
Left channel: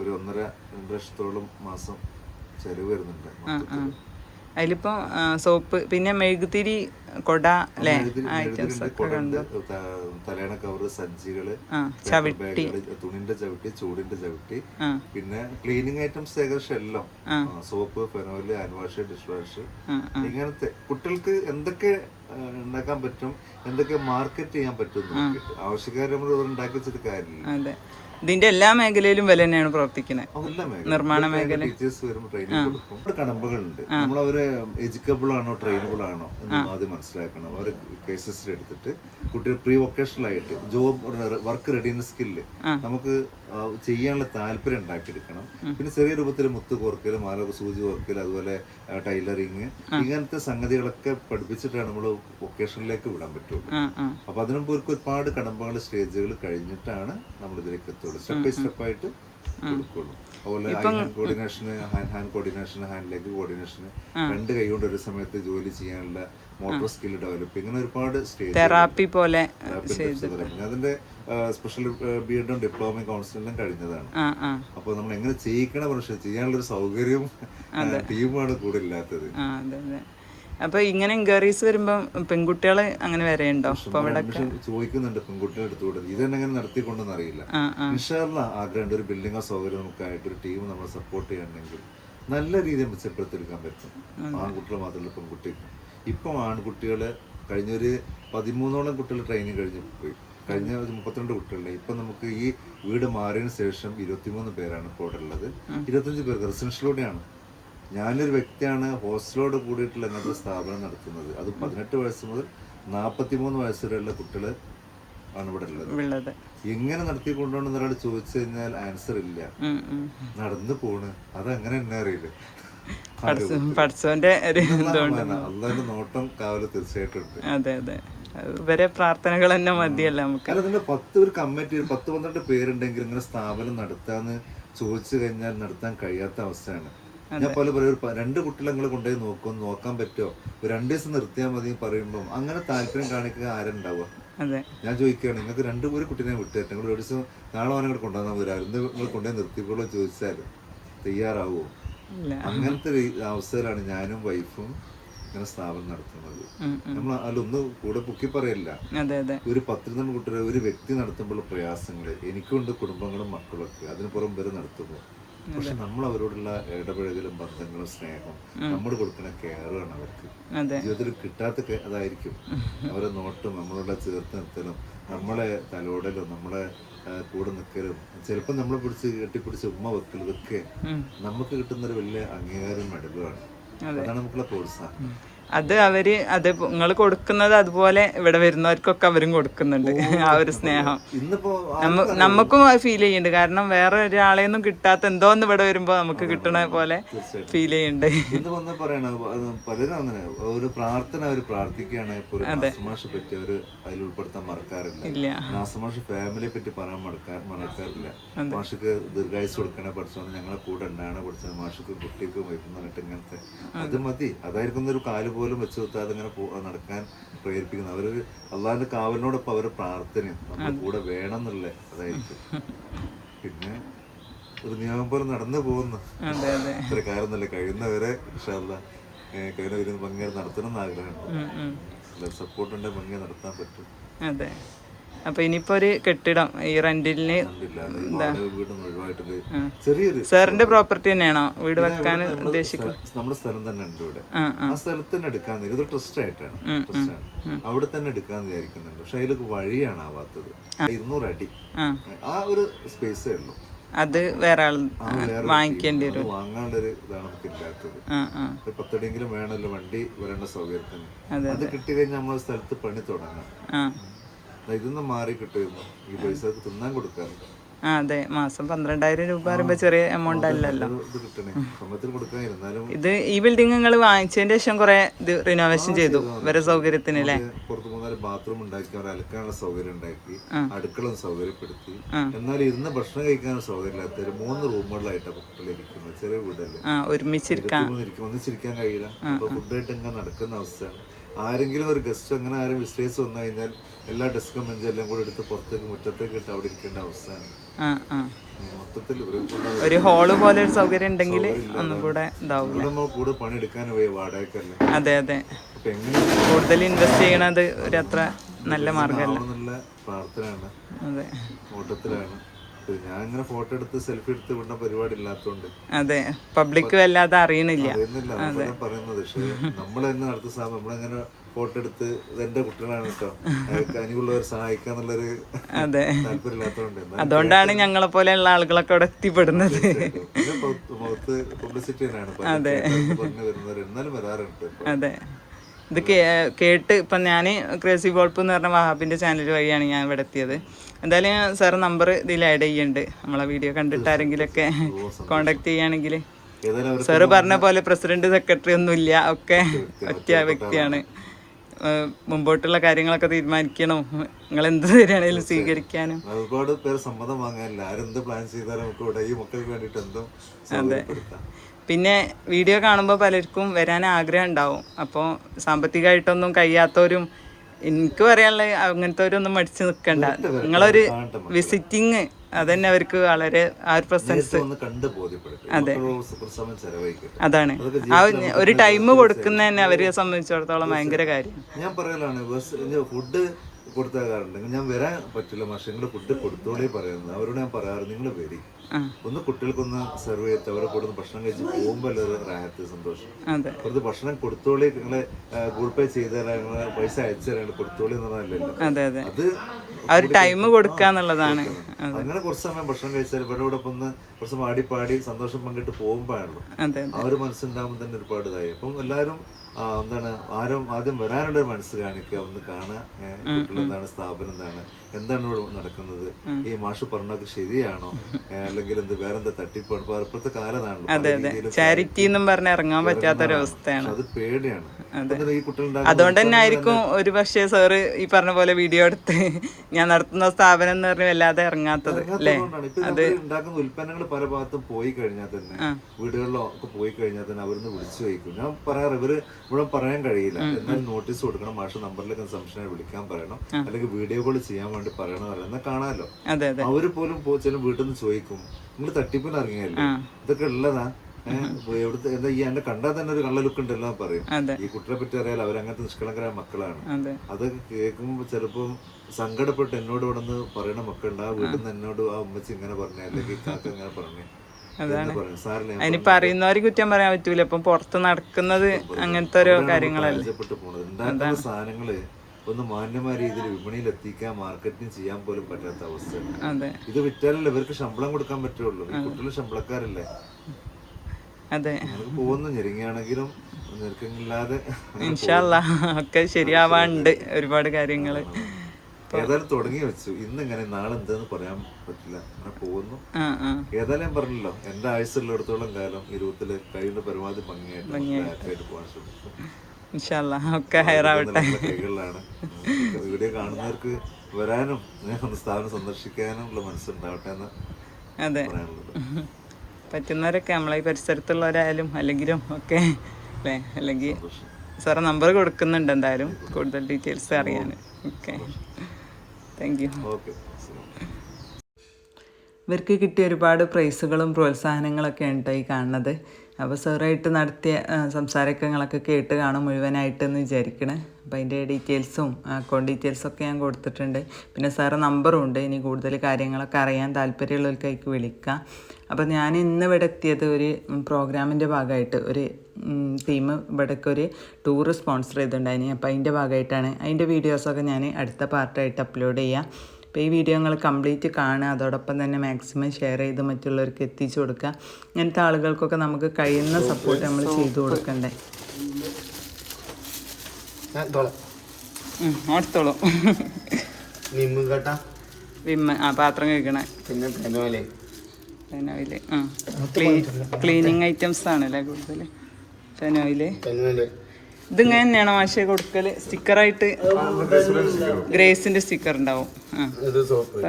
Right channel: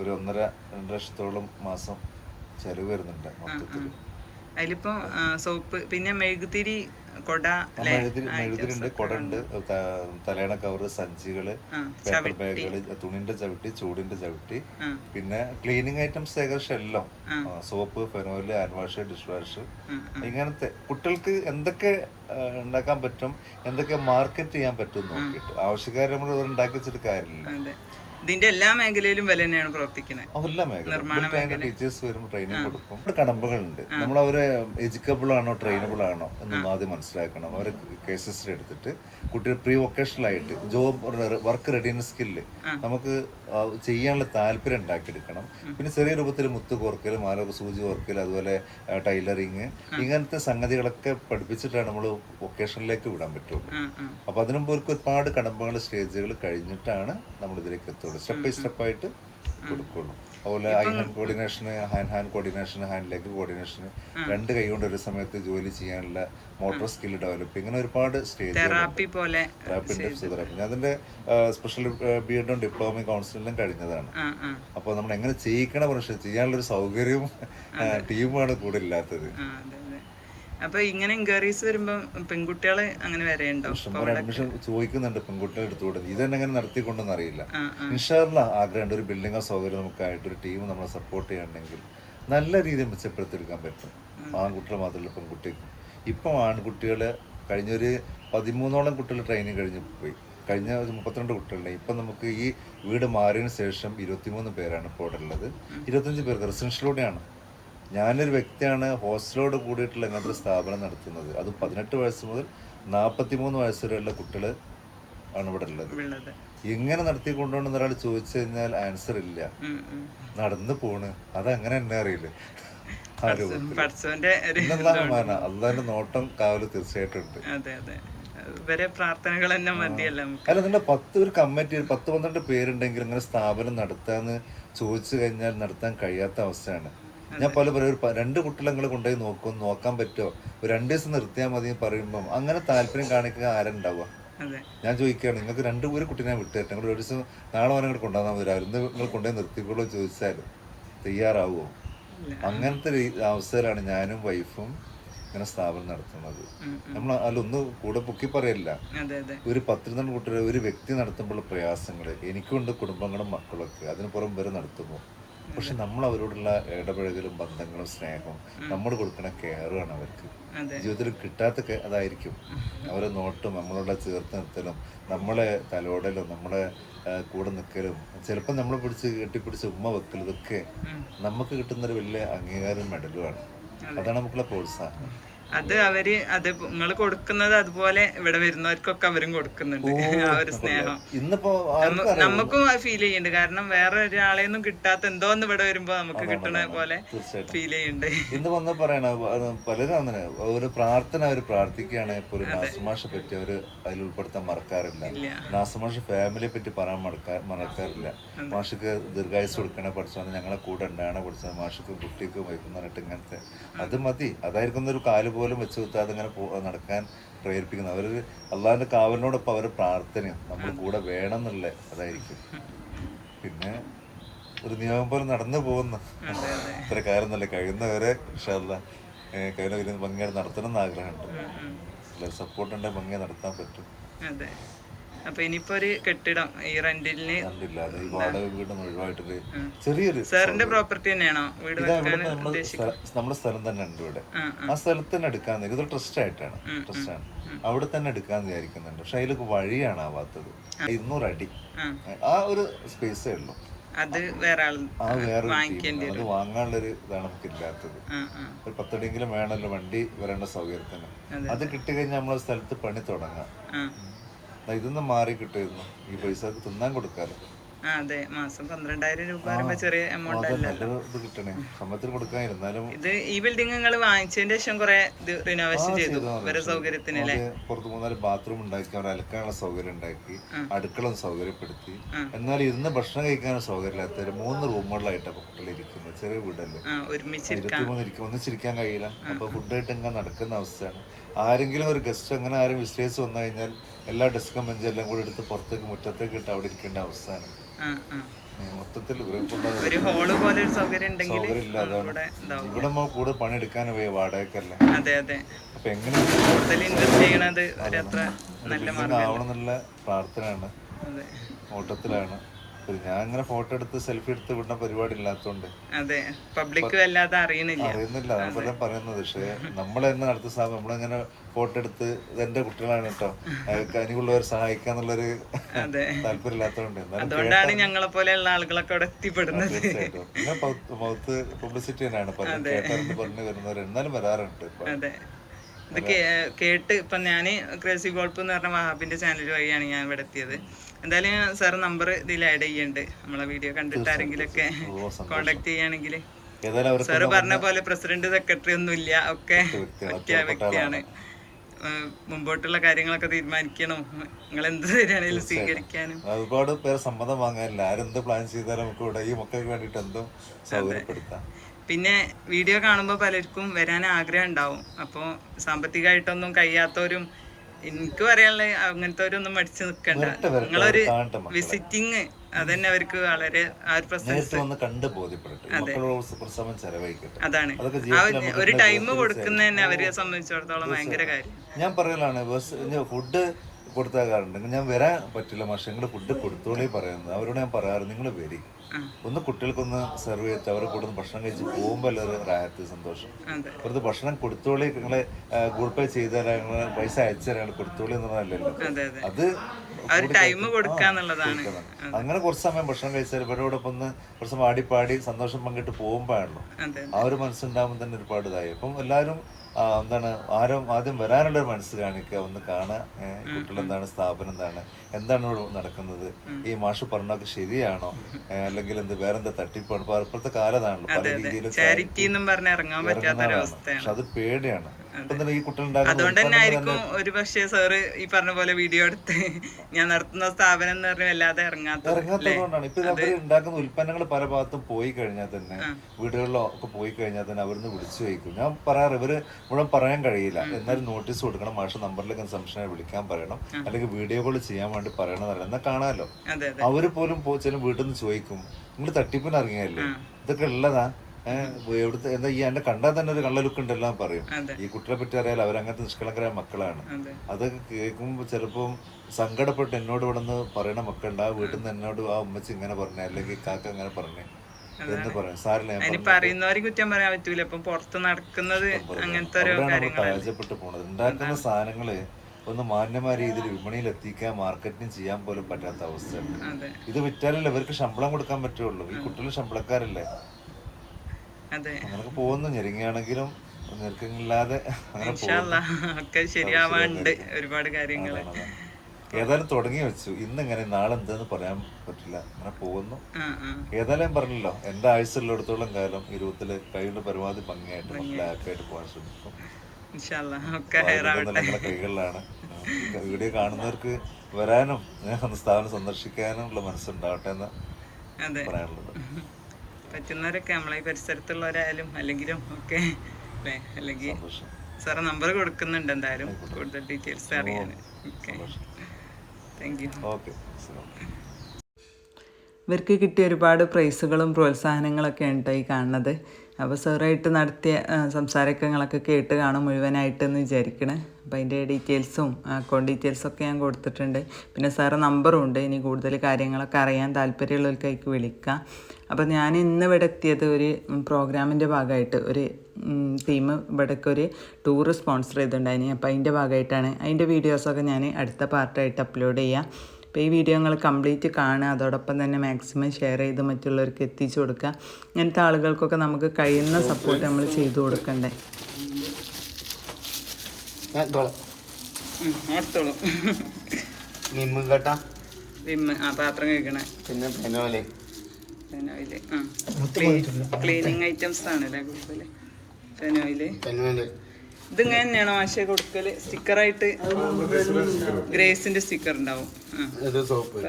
ഒരു 1.5-2 ലക്ഷത്തോളം മാസം ചെലവ് വരുന്നുണ്ട് മൊത്തത്തില്. അതിലിപ്പോ സോപ്പ്, പിന്നെ മെഴുകുതിരി, കൊട, മെഴുകുതിരിണ്ട്, കൊടണ്ട്, തലേണ കവറ്, സഞ്ചികള്, പേപ്പർ ബാഗുകള്, തുണിന്റെ ചവിട്ടി, ചൂടിന്റെ ചവിട്ടി, പിന്നെ ക്ലീനിങ് ഐറ്റംസ് ഏകദേശം എല്ലാം, soap, phenyl, hand wash, dish wash, ഇങ്ങനത്തെ കുട്ടികൾക്ക് എന്തൊക്കെ ഉണ്ടാക്കാൻ പറ്റും, എന്തൊക്കെ മാർക്കറ്റ് ചെയ്യാൻ പറ്റും നോക്കിയിട്ട്. ആവശ്യക്കാരെ നമ്മൾ ഉണ്ടാക്കി വെച്ചിട്ട് കാര്യമില്ല. ഇതിന്റെ എല്ലാ മേഖലയിലും വില തന്നെയാണ് പ്രവർത്തിക്കുന്നത്. നിർമ്മാണ മേഖല ടീച്ചേഴ്സ് വരുമ്പോൾ ട്രെയിനിങ് കൊടുക്കും. കടമ്പകളുണ്ട്. നമ്മൾ അവരെ എഡ്യൂക്കബിൾ ആണോ ട്രെയിനബിൾ ആണോ എന്ന് ആദ്യം മനസ്സിലാക്കണം. അവരെ കേസസ് എടുത്തിട്ട് കുട്ടികൾ പ്രീ വൊക്കേഷണൽ ആയിട്ട് ജോബ് വർക്ക് റെഡിനെസ് സ്കില്ല് നമുക്ക് ചെയ്യാനുള്ള താല്പര്യം ഉണ്ടാക്കിയെടുക്കണം. പിന്നെ ചെറിയ രൂപത്തിൽ മുത്ത് കോർക്കൽ, മാല സൂചി കോർക്കൽ, അതുപോലെ ടൈലറിങ്, ഇങ്ങനത്തെ സംഗതികളൊക്കെ പഠിപ്പിച്ചിട്ടാണ് നമ്മൾ വൊക്കേഷനിലേക്ക് വിടാൻ പറ്റുള്ളൂ. അപ്പൊ അതിനുമ്പ് ഒരുപാട് കടമ്പകൾ, സ്റ്റേജുകൾ കഴിഞ്ഞിട്ടാണ് നമ്മൾ ഇതിലേക്ക് എത്തുള്ളൂ. സ്റ്റെപ്പ് ബൈ സ്റ്റെപ്പായിട്ട് കൊടുക്കുള്ളൂ. അതുപോലെ eye hand coordination, hand coordination, hand leg coordination, 2 കൈ കൊണ്ട് ഒരു സമയത്ത് ജോലി ചെയ്യാനുള്ള മോട്ടോർ സ്കിൽ ഡെവലപ്പ്, ഇങ്ങനെ ഒരുപാട് സ്റ്റേജ് തെറാപ്പി പോലെ. അതിന്റെ സ്പെഷ്യൽ ബി.എഡും ഡിപ്ലോമയും കൗൺസിലിംഗും കഴിഞ്ഞതാണ്. അപ്പൊ നമ്മൾ എങ്ങനെ ചെയ്യിക്കണം, പക്ഷെ ചെയ്യാനുള്ള ഒരു സൗകര്യവും ടീമുമാണ് കൂടെ ഇല്ലാത്തത്. അപ്പൊ ഇങ്ങനെ എൻക്വയറീസ് വരുമ്പോ പെൺകുട്ടികളെ അങ്ങനെ വരെയുണ്ടോ? അഡ്മിഷൻ ചോദിക്കുന്നുണ്ട്, പെൺകുട്ടികളെ എടുത്തുകൂടെ. ഇതെന്നെ എങ്ങനെ നടത്തിക്കൊണ്ടെന്ന് അറിയില്ല. ഇൻഷാല്ലാ ആഗ്രഹമുണ്ട്. ഒരു ബിൽഡിംഗോ സൗകര്യം നമുക്കായിട്ട് ഒരു ടീം നമ്മളെ സപ്പോർട്ട് ചെയ്യണമെങ്കിൽ നല്ല രീതിയിൽ മെച്ചപ്പെടുത്തിയെടുക്കാൻ പറ്റും. ആൺകുട്ടികളെ മാത്രമല്ല പെൺകുട്ടിക്കും. ഇപ്പം ആൺകുട്ടികളെ കഴിഞ്ഞൊരു 13ഓളം കുട്ടികൾ ട്രെയിനിങ് കഴിഞ്ഞ് പോയി. കഴിഞ്ഞ 32 കുട്ടികളുടെ. ഇപ്പം നമുക്ക് ഈ വീട് മാറിയതിനു ശേഷം 23 പേരാണ് ഇപ്പോൾ ഇവിടെ ഉള്ളത്. 25 പേർക്ക് റെസിഡൻഷ്യലോടെയാണ്. ഞാനൊരു വ്യക്തിയാണ് ഹോസ്റ്റലോട് കൂടിയിട്ടുള്ള അങ്ങനത്തെ സ്ഥാപനം നടത്തുന്നത്. അത് 18 വയസ്സ് മുതൽ 43 വയസ്സ് വരെയുള്ള കുട്ടികൾ ആണ് ഇവിടെ ഉള്ളത്. എങ്ങനെ നടത്തി കൊണ്ടുപോകണമെന്ന് ഒരാൾ ചോദിച്ചു കഴിഞ്ഞാൽ ആൻസർ ഇല്ല. നടന്നു പോണ്, അതങ്ങനെ തന്നെ അറിയില്ല. അള്ളാന്റെ നോട്ടം കാവല് തീർച്ചയായിട്ടും ഉണ്ട്. പ്രാർത്ഥനകൾ തന്നെ മതിയല്ല. അല്ല, അതിന്റെ 10 ഒരു കമ്മിറ്റി 10-12 പേരുണ്ടെങ്കിൽ ഇങ്ങനെ സ്ഥാപനം നടത്താന്ന് ചോദിച്ചു കഴിഞ്ഞാൽ നടത്താൻ കഴിയാത്ത അവസ്ഥയാണ്. ഞാൻ പല പറയും, 2 കുട്ടികളെ നിങ്ങൾ കൊണ്ടുപോയി നോക്കാൻ പറ്റുമോ, ഒരു 2 ദിവസം നിർത്തിയാൽ മതി പറയുമ്പം അങ്ങനെ താല്പര്യം കാണിക്കുക ആരുണ്ടാവുക? ഞാൻ ചോദിക്കുകയാണ്, നിങ്ങൾക്ക് ഒരു കുട്ടീനെ വിട്ടുതരട്ടെ, നിങ്ങൾ ഒരു ദിവസം നാളെ അവനെ കൂടെ കൊണ്ടുവന്നാൽ വരാം, നിങ്ങൾ കൊണ്ടുപോയി നിർത്തിക്കോളൂ ചോദിച്ചാൽ തയ്യാറാവുമോ? അങ്ങനത്തെ അവസ്ഥയിലാണ് ഞാനും വൈഫും ഇങ്ങനെ സ്ഥാപനം നടത്തുന്നത്. നമ്മൾ അതിലൊന്നും കൂടെ പൊക്കി പറയല്ല. ഒരു 10-12 കുട്ടികളെ ഒരു വ്യക്തി നടത്തുമ്പോൾ പ്രയാസങ്ങൾ എനിക്കുണ്ട്, കുടുംബങ്ങളും മക്കളൊക്കെ അതിന് പുറം വരെ നടത്തുന്നു. പക്ഷെ നമ്മൾ അവരോടുള്ള ഇടപഴകലും ബന്ധങ്ങളും സ്നേഹവും നമ്മൾ കൊടുക്കുന്ന കെയറുമാണ് അവർക്ക് ജീവിതത്തിൽ കിട്ടാത്ത അതായിരിക്കും. അവരെ നോട്ടും നമ്മളോട് ചേർത്ത് നിർത്തലും നമ്മളെ തലോടലും നമ്മളെ കൂടെ നിൽക്കലും ചിലപ്പോൾ നമ്മളെ പിടിച്ച് കെട്ടിപ്പിടിച്ച് ഉമ്മ വെക്കലും ഇതൊക്കെ നമുക്ക് കിട്ടുന്നൊരു വലിയ അംഗീകാരം മെഡലുമാണ്. അതാണ് നമുക്കുള്ള പ്രോത്സാഹനം. അത് നിങ്ങൾ കൊടുക്കുന്നത് അതുപോലെ ഇവിടെ വരുന്നവർക്കൊക്കെ അവരും കൊടുക്കുന്നുണ്ട്. ആ ഒരു സ്നേഹം നമുക്കും ഫീൽ ചെയ്യുന്നുണ്ട്. കാരണം വേറെ ഒരാളെയൊന്നും കിട്ടാത്ത എന്തോന്ന് ഇവിടെ വരുമ്പോ നമുക്ക് കിട്ടണ പോലെ ഫീൽ ചെയ്യുന്നുണ്ട്. ഇന്ന് വന്ന് പറയണ പലരും അങ്ങനെ ഒരു പ്രാർത്ഥന അവർ പ്രാർത്ഥിക്കുകയാണ്. ഇപ്പോൾ ഒരു നാസമാഷെ പറ്റി അവർ അതിൽ ഉൾപ്പെടുത്താൻ മറക്കാറില്ല. നാസമാഷ് ഫാമിലിയെ പറ്റി പറയാൻ മറക്കാറില്ല. മാഷക്ക് ദീർഘായുസ് കൊടുക്കണ പഠിച്ചോണ്ട് ഞങ്ങളെ കൂടെ ഉണ്ടാണ് പഠിച്ചത്, മാഷക്ക് കുട്ടിക്ക് വയ്ക്കുന്ന പറഞ്ഞിട്ട് ഇങ്ങനത്തെ അത് മതി. അതായിരിക്കുന്ന ഒരു കാല് പോലും വെച്ച് കുത്താതെ ഇങ്ങനെ നടക്കാൻ പ്രേരിപ്പിക്കുന്നത്. അവർ അള്ളാഹിന്റെ കാവലിനോടൊപ്പം അവരുടെ പ്രാർത്ഥനയും നമ്മൾ കൂടെ വേണം എന്നുള്ള അതായിരിക്കും. പിന്നെ ഒരു നിയമം പോലെ നടന്നു പോകുന്നു. അതെ അതെ ഇത്ര കാര്യമൊന്നുമില്ല, കഴിയുന്നവരെ കഴിയുന്ന ഭംഗിയായി നടത്തണം എന്ന് ആഗ്രഹമുണ്ട്. സപ്പോർട്ട് ഉണ്ടെങ്കിൽ ഭംഗിയായി നടത്താൻ പറ്റും. അതെ. അപ്പൊ ഇനിയിപ്പോ ഒരു കെട്ടിടം ഈ റെന്റിന് ചെറിയൊരു സാറിന്റെ പ്രോപ്പർട്ടി തന്നെയാണോ വീട് വെക്കാൻ ഉദ്ദേശിക്കുന്നത്? നമ്മുടെ സ്ഥലം തന്നെ ഉണ്ട് ഇവിടെ. ആ സ്ഥലത്ത് തന്നെ എടുക്കാന്ന്, ഇത് ട്രസ്റ്റ് ആയിട്ടാണ്, ട്രസ്റ്റാണ്, അവിടെ തന്നെ എടുക്കാന്ന് വിചാരിക്കുന്നുണ്ട്. പക്ഷെ അതിലൊക്കെ വഴിയാണ് ആവാത്തത്. 200 അടി ആ ഒരു സ്പേസേ ഉള്ളൂ. അത് വേറെ വാങ്ങിക്കേണ്ടി അത് വാങ്ങാനുള്ളൊരു ഇതാണ് നമുക്ക് ഇല്ലാത്തത്. ഒരു 10 അടിയെങ്കിലും വേണമല്ലോ വണ്ടി വരേണ്ട സൗകര്യത്തിന്. അത് കിട്ടിക്കഴിഞ്ഞാൽ നമ്മളെ സ്ഥലത്ത് പണി തുടങ്ങാം. ഇതൊന്നും മാറി കിട്ടുന്നു, ഈ പൈസ തിന്നാൻ കൊടുക്കാറ്. അതെ, മാസം 12,000 രൂപ പറയുമ്പോ ചെറിയ എമൗണ്ട് അല്ലല്ലോ. ഇത് കിട്ടണേ, സമയത്തിന് കൊടുക്കാതിരുന്നാലും. ഇത് ഈ ബിൽഡിംഗ് നിങ്ങൾ വാങ്ങിച്ചതിന്റെ ശേഷം കുറെ റിനോവേഷൻ ചെയ്തു വരെ സൗകര്യത്തിന്. പുറത്ത് 3-4 ബാത്റൂം ഉണ്ടാക്കി, അവർ അലക്കാനുള്ള സൗകര്യം ഉണ്ടാക്കി, അടുക്കള സൗകര്യപ്പെടുത്തി. എന്നാൽ ഇരുന്ന് ഭക്ഷണം കഴിക്കാനുള്ള സൗകര്യമില്ലാത്ത 3 റൂമുകളിലായിട്ടാണ് കുട്ടികളിരിക്കുന്നത്. ചെറിയ വീടല്ലേ, ഒന്നിച്ചിരിക്കാൻ കഴിയില്ല. അപ്പൊ ഫുഡായിട്ട് ഇങ്ങനെ നടക്കുന്ന അവസ്ഥയാണ്. ആരെങ്കിലും ഒരു ഗസ്റ്റ് അങ്ങനെ ആരും വിസിറ്റേഴ്സ് വന്നു കഴിഞ്ഞാൽ എല്ലാ ഡെസ്കും ബെഞ്ചും എല്ലാം കൂടെ എടുത്ത് പുറത്തേക്ക് മുറ്റത്തേക്ക് ഇട്ട് അവിടെ ഇരിക്കേണ്ട അവസ്ഥയാണ്. മൊത്തത്തിൽ ഒരു ഹോള് പോലെ ഒരു സൗകര്യം ഉണ്ടെങ്കിൽ ഇവിടെ കൂടെ പണിയെടുക്കാൻ പോയ വാടകയ്ക്കല്ലേ. അതെ അതെ. അപ്പൊ എങ്ങനെ കൂടുതൽ ഇൻവെസ്റ്റ് ചെയ്യണത് ഒരു അത്ര നല്ല ആവണമെന്നുള്ള പ്രാർത്ഥനയാണ്, ഓട്ടത്തിലാണ്. ഞാൻ ഇങ്ങനെ ഫോട്ടോ എടുത്ത് സെൽഫി എടുത്ത് വിടുന്ന പരിപാടി ഇല്ലാത്തോണ്ട് അതെ പബ്ലിക് വല്ലാതെ അറിയുന്നില്ല. അതല്ല പറയുന്നത്. പക്ഷേ നമ്മൾ തന്നെ നടത്തുന്ന സ്ഥാപനം നമ്മളിങ്ങനെ ഫോട്ടോ എടുത്ത് ഇതെന്റെ കുട്ടികളാണ് കേട്ടോ, കനിവുള്ളവർ സഹായിക്കാന്നുള്ളൊരു താല്പര്യമില്ലാത്തോണ്ട്. അതുകൊണ്ടാണ് ഞങ്ങളെ പോലെയുള്ള ആളുകളൊക്കെ അവിടെ എത്തിപ്പെടുന്നത്. പിന്നെ മൗത്ത് പബ്ലിസിറ്റി തന്നെയാണ് പറഞ്ഞു വരുന്നവർ, എന്നാലും വരാറുണ്ട്. അതെ, ഇത് കേട്ട് ഇപ്പം ഞാൻ ക്രേസി ഗോൾപ്പ് എന്ന് പറഞ്ഞ വഹാബിൻ്റെ ചാനൽ വഴിയാണ് ഞാൻ ഇവിടെ എത്തിയത്. എന്തായാലും ഞാൻ സാറ് നമ്പർ ഇതിൽ ആഡ് ചെയ്യുന്നുണ്ട്. നമ്മളെ വീഡിയോ കണ്ടിട്ട് ആരെങ്കിലുമൊക്കെ കോണ്ടാക്ട് ചെയ്യുകയാണെങ്കിൽ. സാറ് പറഞ്ഞ പോലെ പ്രസിഡന്റ് സെക്രട്ടറി ഒന്നും ഇല്ല, ഒക്കെ ഒറ്റ വ്യക്തിയാണ്. മുമ്പോട്ടുള്ള കാര്യങ്ങളൊക്കെ തീരുമാനിക്കണം, നിങ്ങൾ എന്ത് തരാണെങ്കിലും സ്വീകരിക്കാനും. ഒരുപാട് പേര് സമ്മതം വാങ്ങാനില്ല, ആരെന്ത് പ്ലാൻ ചെയ്താലും നമുക്ക് ഇവിടെ ഈ മക്കൾക്ക് വേണ്ടിയിട്ട് എന്തോ സൗകര്യപ്പെടുത്താം. പിന്നെ വീഡിയോ കാണുമ്പോൾ പലർക്കും വരാൻ ആഗ്രഹം ഉണ്ടാവും. അപ്പോൾ സാമ്പത്തികമായിട്ടൊന്നും കഴിയാത്തവരും, എനിക്ക് പറയാനുള്ളത് അങ്ങനത്തെവരൊന്നും മടിച്ചു നിൽക്കണ്ട. നിങ്ങളൊരു വിസിറ്റിങ് അതന്നെ അവർക്ക് വളരെ ആ ഒരു പ്രസൻസ്. അതെ, അതാണ് ആ ഒരു ടൈം കൊടുക്കുന്ന തന്നെ അവരെ സംബന്ധിച്ചിടത്തോളം ഭയങ്കര കാര്യം. ഞാൻ പറയലാണ്, ഫുഡ് കൊടുത്താകാറുണ്ട്, ഞാൻ വരാൻ പറ്റില്ല പക്ഷെ നിങ്ങൾ ഫുഡ് കൊടുത്തോളേ പറയുന്നത്. അവരോട് ഞാൻ പറയാറ്, നിങ്ങൾ വരി, ഒന്ന് കുട്ടികൾക്കൊന്ന് സെർവ് ചെയ്തിട്ട് അവരെ കൂടെ ഭക്ഷണം കഴിച്ച് പോകുമ്പോൾ എല്ലാവരും റാഹത്ത് സന്തോഷം. വെറുതെ ഭക്ഷണം കൊടുത്തോളി, നിങ്ങളെ ഗൂഗിൾ പേ ചെയ്ത് തരാം, പൈസ അയച്ചു തരാം, കൊടുത്തോളി എന്നതല്ലല്ലോ. അത് ടൈം കൊടുക്കാന്നുള്ളതാണ്. അങ്ങനെ കുറച്ച് സമയം ഭക്ഷണം കഴിച്ചാൽ ഇവരോടൊപ്പം ഒന്ന് കുറച്ച് പാടി സന്തോഷം പങ്കിട്ട് പോകുമ്പോഴാണല്ലോ ആ ഒരു മനസ്സുണ്ടാകുമ്പോൾ തന്നെ ഒരുപാട് ഇതായി. അപ്പം എല്ലാവരും എന്താണ് ആദ്യം വരാനുള്ള ഒരു മനസ്സ് കാണിക്കുക, ഒന്ന് കാണുക, കുട്ടികൾ എന്താണ്, സ്ഥാപനം എന്താണ് ഇവിടെ നടക്കുന്നത്, ഈ മാഷ് പറഞ്ഞൊക്കെ ശരിയാണോ, അല്ലെങ്കിൽ എന്ത് വേറെന്താ തട്ടിപ്പാണ്. ഇപ്പോഴത്തെ കാലത്താണല്ലോ പല രീതിയിലും ഇറങ്ങാൻ പറ്റാത്തൊരവസ്ഥയാണ്. അത് പേടിയാണ്. ഈ കുട്ടികൾ അതുകൊണ്ട് തന്നെ ആയിരിക്കും ഒരു പക്ഷേ സാറ് ഈ പറഞ്ഞ പോലെ വീഡിയോ എടുത്ത് ഞാൻ നടത്തുന്ന സ്ഥാപനം എന്ന് പറഞ്ഞാൽ വല്ലാതെ ഇറങ്ങാത്തതുകൊണ്ടാണ്. ഇപ്പൊ അവർ ഉണ്ടാക്കുന്ന ഉൽപ്പന്നങ്ങൾ പല ഭാഗത്തും പോയി കഴിഞ്ഞാൽ തന്നെ, വീടുകളിലോ ഒക്കെ പോയി കഴിഞ്ഞാൽ തന്നെ അവരൊന്ന് വിളിച്ചു വയ്ക്കും. ഞാൻ പറയാറ്, ഇവര് മുഴുവൻ പറയാൻ കഴിയില്ല, എന്നാലും നോട്ടീസ് കൊടുക്കണം, മാഷ നമ്പറിലേക്ക് സംശയം വിളിക്കാൻ പറയണം, അല്ലെങ്കിൽ വീഡിയോ കോൾ ചെയ്യാൻ വേണ്ടി പറയണം, എന്നാൽ കാണാമല്ലോ. അവര് പോലും ചില വീട്ടിൽ നിന്ന് ചോദിക്കും, നിങ്ങൾ തട്ടിപ്പിന് ഇറങ്ങിയല്ലേ, ഇതൊക്കെ ഉള്ളതാ, എവിടുത്തെ എന്താ ഈ എന്നെ കണ്ടാൽ തന്നെ ഒരു കള്ള ലുക്ക് ഉണ്ടല്ലോ പറയും. ഈ കുട്ടികളെ പറ്റി അറിയാലോ, അവരങ്ങനത്തെ നിഷ്കളങ്കരായ മക്കളാണ്. അതൊക്കെ കേൾക്കുമ്പോൾ ചിലപ്പം സങ്കടപ്പെട്ട് എന്നോട് ഇവിടെ നിന്ന് പറയണ മക്കളുണ്ട്, ആ വീട്ടിൽ നിന്ന് എന്നോട് ആ ഉമ്മച്ചി ഇങ്ങനെ പറഞ്ഞ, അല്ലെങ്കിൽ കാക്ക ഇങ്ങനെ പറഞ്ഞേ എന്ന് പറയും. സാറിന് പറയുന്നവരെ കുറ്റം പറയാൻ പറ്റൂല. ഇപ്പം പുറത്ത് നടക്കുന്നത് അങ്ങനത്തെ ഓരോ പരാജയപ്പെട്ടു പോണത്. ഉണ്ടാക്കുന്ന സാധനങ്ങള് ഒന്ന് മാന്യമായ രീതിയിൽ വിപണിയിൽ എത്തിക്കാൻ, മാർക്കറ്റിംഗ് ചെയ്യാൻ പോലും പറ്റാത്ത അവസ്ഥയാണ്. ഇത് വിറ്റാലല്ലേ ഇവർക്ക് ശമ്പളം കൊടുക്കാൻ പറ്റുള്ളൂ. ഈ കുട്ടികൾ ശമ്പളക്കാരല്ലേ, നമുക്ക് പോകുന്നു ഞെരുങ്ങിയാണെങ്കിലും ഞെരുക്കങ്ങളില്ലാതെ ഒക്കെ ശരിയാവാണ്ട് ഒരുപാട് കാര്യങ്ങള്. ഏതായാലും തുടങ്ങി വെച്ചു, ഇന്നിങ്ങനെ നാളെ എന്താന്ന് പറയാൻ പറ്റില്ല, അങ്ങനെ പോകുന്നു. ഏതായാലും പറഞ്ഞല്ലോ, എന്റെ ആയുസ്സുള്ളിടത്തോളം കാലം ഇരുപത്തില് കഴിയുന്ന പരമാവധി ഭംഗിയായിട്ട് മക്കളായിട്ട് പോകാൻ ശ്രമിക്കും. കൈകളിലാണ്. വീഡിയോ കാണുന്നവർക്ക് വരാനും സ്ഥാപനം സന്ദർശിക്കാനും ഉള്ള മനസ്സുണ്ടാവട്ടെ എന്ന് പറയാനുള്ളത്. പറ്റുന്നവരൊക്കെ നമ്മളെ ഈ പരിസരത്തുള്ളവരായാലും അല്ലെങ്കിലും ഒക്കെ അല്ലെങ്കിൽ സാറ് നമ്പർ കൊടുക്കുന്നുണ്ട്, എന്തായാലും കൂടുതൽ ഡീറ്റെയിൽസ് അറിയാൻ. Okay, thank you. ഇവർക്ക് കിട്ടിയ ഒരുപാട് പ്രൈസുകളും പ്രോത്സാഹനങ്ങളൊക്കെ ഉണ്ട് ഈ കാണുന്നത്. അപ്പോൾ സാറായിട്ട് നടത്തിയ സംസാരങ്ങളൊക്കെ കേട്ട് കാണും മുഴുവനായിട്ടെന്ന് വിചാരിക്കണേ. അപ്പോൾ അതിൻ്റെ ഡീറ്റെയിൽസും അക്കൗണ്ട് ഡീറ്റെയിൽസൊക്കെ ഞാൻ കൊടുത്തിട്ടുണ്ട്. പിന്നെ സാറ് നമ്പറും ഉണ്ട്. ഇനി കൂടുതൽ കാര്യങ്ങളൊക്കെ അറിയാൻ താല്പര്യമുള്ളവർക്കായിരിക്കും വിളിക്കാം. അപ്പോൾ ഞാൻ ഇന്ന് ഇവിടെ എത്തിയത് ഒരു പ്രോഗ്രാമിൻ്റെ ഭാഗമായിട്ട് ഒരു ടീം ഇവിടേക്ക് ഒരു ടൂറ് സ്പോൺസർ ചെയ്തിട്ടുണ്ടായിന്. അപ്പോൾ അതിൻ്റെ ഭാഗമായിട്ടാണ്. അതിൻ്റെ വീഡിയോസൊക്കെ ഞാൻ അടുത്ത പാർട്ടായിട്ട് അപ്ലോഡ് ചെയ്യാം. അപ്പോൾ ഈ വീഡിയോ നിങ്ങൾ കംപ്ലീറ്റ് കാണുക, അതോടൊപ്പം തന്നെ മാക്സിമം ഷെയർ ചെയ്ത് മറ്റുള്ളവർക്ക് എത്തിച്ചു കൊടുക്കുക. ഇങ്ങനത്തെ ആളുകൾക്കൊക്കെ നമുക്ക് കഴിയുന്ന സപ്പോർട്ട് നമ്മൾ ചെയ്തു കൊടുക്കണ്ടേ. ഓർത്തോളൂ വിമ്മ പാത്രം കഴിക്കണേ. പിന്നെ ഫെനോയില് ക്ലീനിങ് ഐറ്റംസ് ആണല്ലേ കൂടുതൽ. ഫെനോയില് ഇതിങ്ങനെ തന്നെയാണോ മാഷെ കൊടുക്കല്? സ്റ്റിക്കറായിട്ട് ഗ്രേസിന്റെ സ്റ്റിക്കർ ഉണ്ടാവും.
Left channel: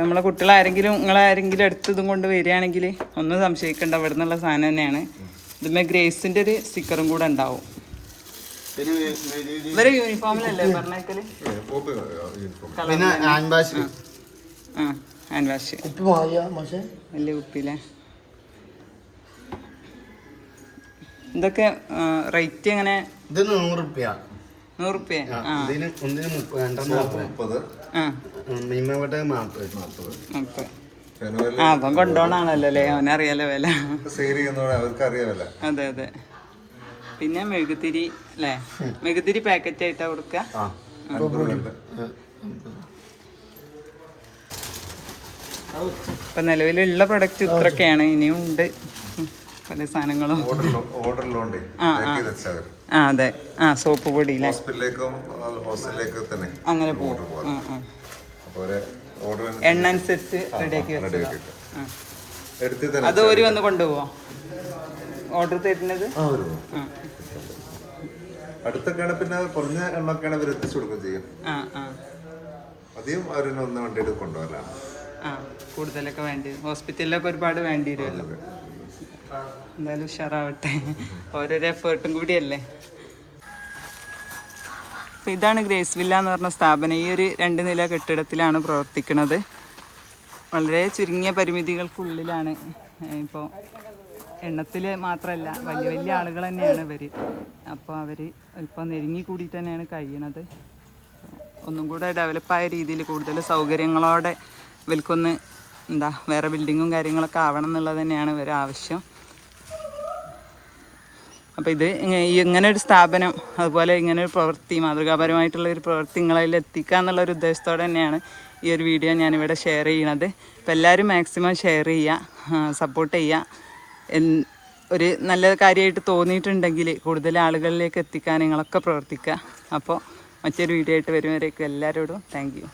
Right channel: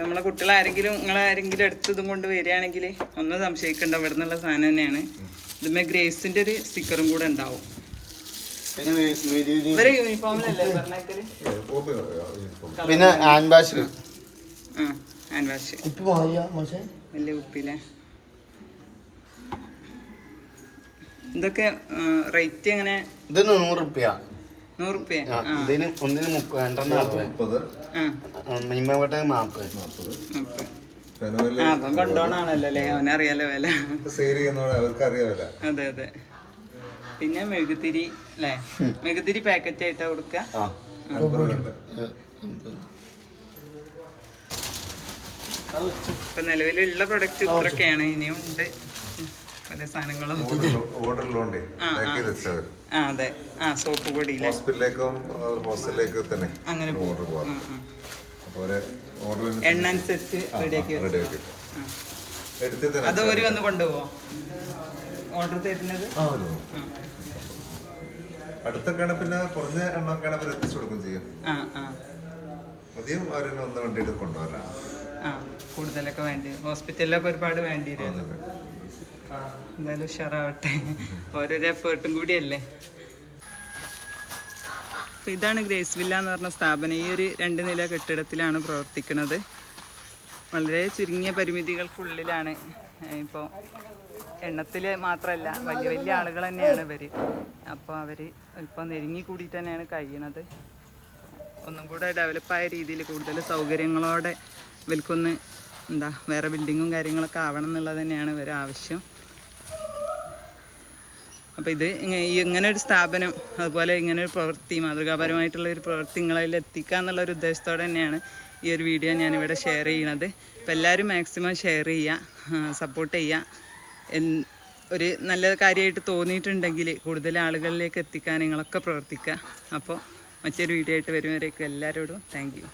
നമ്മളെ കുട്ടികളാരെങ്കിലും നിങ്ങളാരെങ്കിലും എടുത്തതും കൊണ്ട് വരികയാണെങ്കിൽ ഒന്നും സംശയിക്കണ്ട, ഇവിടെ നിന്നുള്ള സാധനം തന്നെയാണ്. ഇതിന്മേ ഗ്രേസിന്റെ ഒരു സ്റ്റിക്കറും കൂടെ ഉണ്ടാവും. ഇവരെ യൂണിഫോമിലല്ലേ പറഞ്ഞേക്കല്? പിന്നെ ഹാൻഡ് വാഷ് വലിയ കുപ്പിയിലെ ഇതൊക്കെ റേറ്റ് എങ്ങനെ? ഇത് 100 റുപ്യ. 100 റുപ്യ. ഒന്നിന് 30 അവൻ കൊണ്ടോണാണല്ലോ അല്ലേ, അവനറിയാലോ വില. അതെ അതെ. പിന്നെ മെഴുകുതിരി അല്ലേ, മെഴുകുതിരി പാക്കറ്റ് ആയിട്ടാ കൊടുക്ക. ഇപ്പൊ നിലവിലുള്ള പ്രൊഡക്റ്റ് ഇത്രയൊക്കെയാണ്. ഇനിയും ഉണ്ട് പല സാധനങ്ങളും. അതെ. സോപ്പ് പൊടി അങ്ങനെ പോകും. എണ്ണ അനുസരിച്ച് റെഡിയാക്കി. അത് ഒരു വന്ന് കൊണ്ടുപോവോ ഓർഡർ തരുന്നത്? അടുത്തൊക്കെയാണ്. പിന്നെ കുറഞ്ഞ എണ്ണൊക്കെയാണ് ഇവർ എത്തിച്ചു കൊടുക്കുകയും ചെയ്യും. അധികം അവരൊന്നും ഒന്നും വണ്ടിയിൽ കൊണ്ടുപോകാനാണ്. കൂടുതലൊക്കെ വേണ്ടി ഹോസ്പിറ്റലിലൊക്കെ ഒരുപാട് വേണ്ടി വരുമല്ലോ. എന്തായാലും ഉഷാറാവട്ടെ, ഓരോരോ എഫേർട്ടും കൂടിയല്ലേ. ഇതാണ് ഗ്രേസ് വില്ല എന്ന് പറഞ്ഞ സ്ഥാപനം. ഈ ഒരു 2 നില കെട്ടിടത്തിലാണ് പ്രവർത്തിക്കുന്നത്. വളരെ ചുരുങ്ങിയ പരിമിതികൾക്കുള്ളിലാണ്. ഇപ്പോൾ എണ്ണത്തിൽ മാത്രമല്ല, വലിയ വലിയ ആളുകൾ തന്നെയാണ് ഇവർ. അപ്പോൾ അവർ ഇപ്പോൾ നെരുങ്ങി കൂടി തന്നെയാണ് കഴിയണത്. ഒന്നും കൂടെ ഡെവലപ്പായ രീതിയിൽ കൂടുതൽ സൗകര്യങ്ങളോടെ ഇവർക്കൊന്ന് വേറെ ബിൽഡിങ്ങും കാര്യങ്ങളൊക്കെ ആവണം എന്നുള്ളത് തന്നെയാണ് ഇവരെ ആവശ്യം. അപ്പോൾ ഇത് ഇങ്ങനെ ഒരു സ്ഥാപനം, അതുപോലെ ഇങ്ങനെ ഒരു പ്രവൃത്തി, മാതൃകാപരമായിട്ടുള്ള ഒരു പ്രവൃത്തി നിങ്ങളിൽ എത്തിക്കുക എന്നുള്ളൊരു ഉദ്ദേശത്തോടെ തന്നെയാണ് ഈ ഒരു വീഡിയോ ഞാനിവിടെ ഷെയർ ചെയ്യണത്. അപ്പോൾ എല്ലാവരും മാക്സിമം ഷെയർ ചെയ്യുക, സപ്പോർട്ട് ചെയ്യുക. ഒരു നല്ല കാര്യമായിട്ട് തോന്നിയിട്ടുണ്ടെങ്കിൽ കൂടുതൽ ആളുകളിലേക്ക് എത്തിക്കാൻ നിങ്ങളൊക്കെ പ്രവർത്തിക്കുക. അപ്പോൾ മറ്റൊരു വീഡിയോ ആയിട്ട് വരുന്നവരേക്കും എല്ലാവരോടും താങ്ക് യു.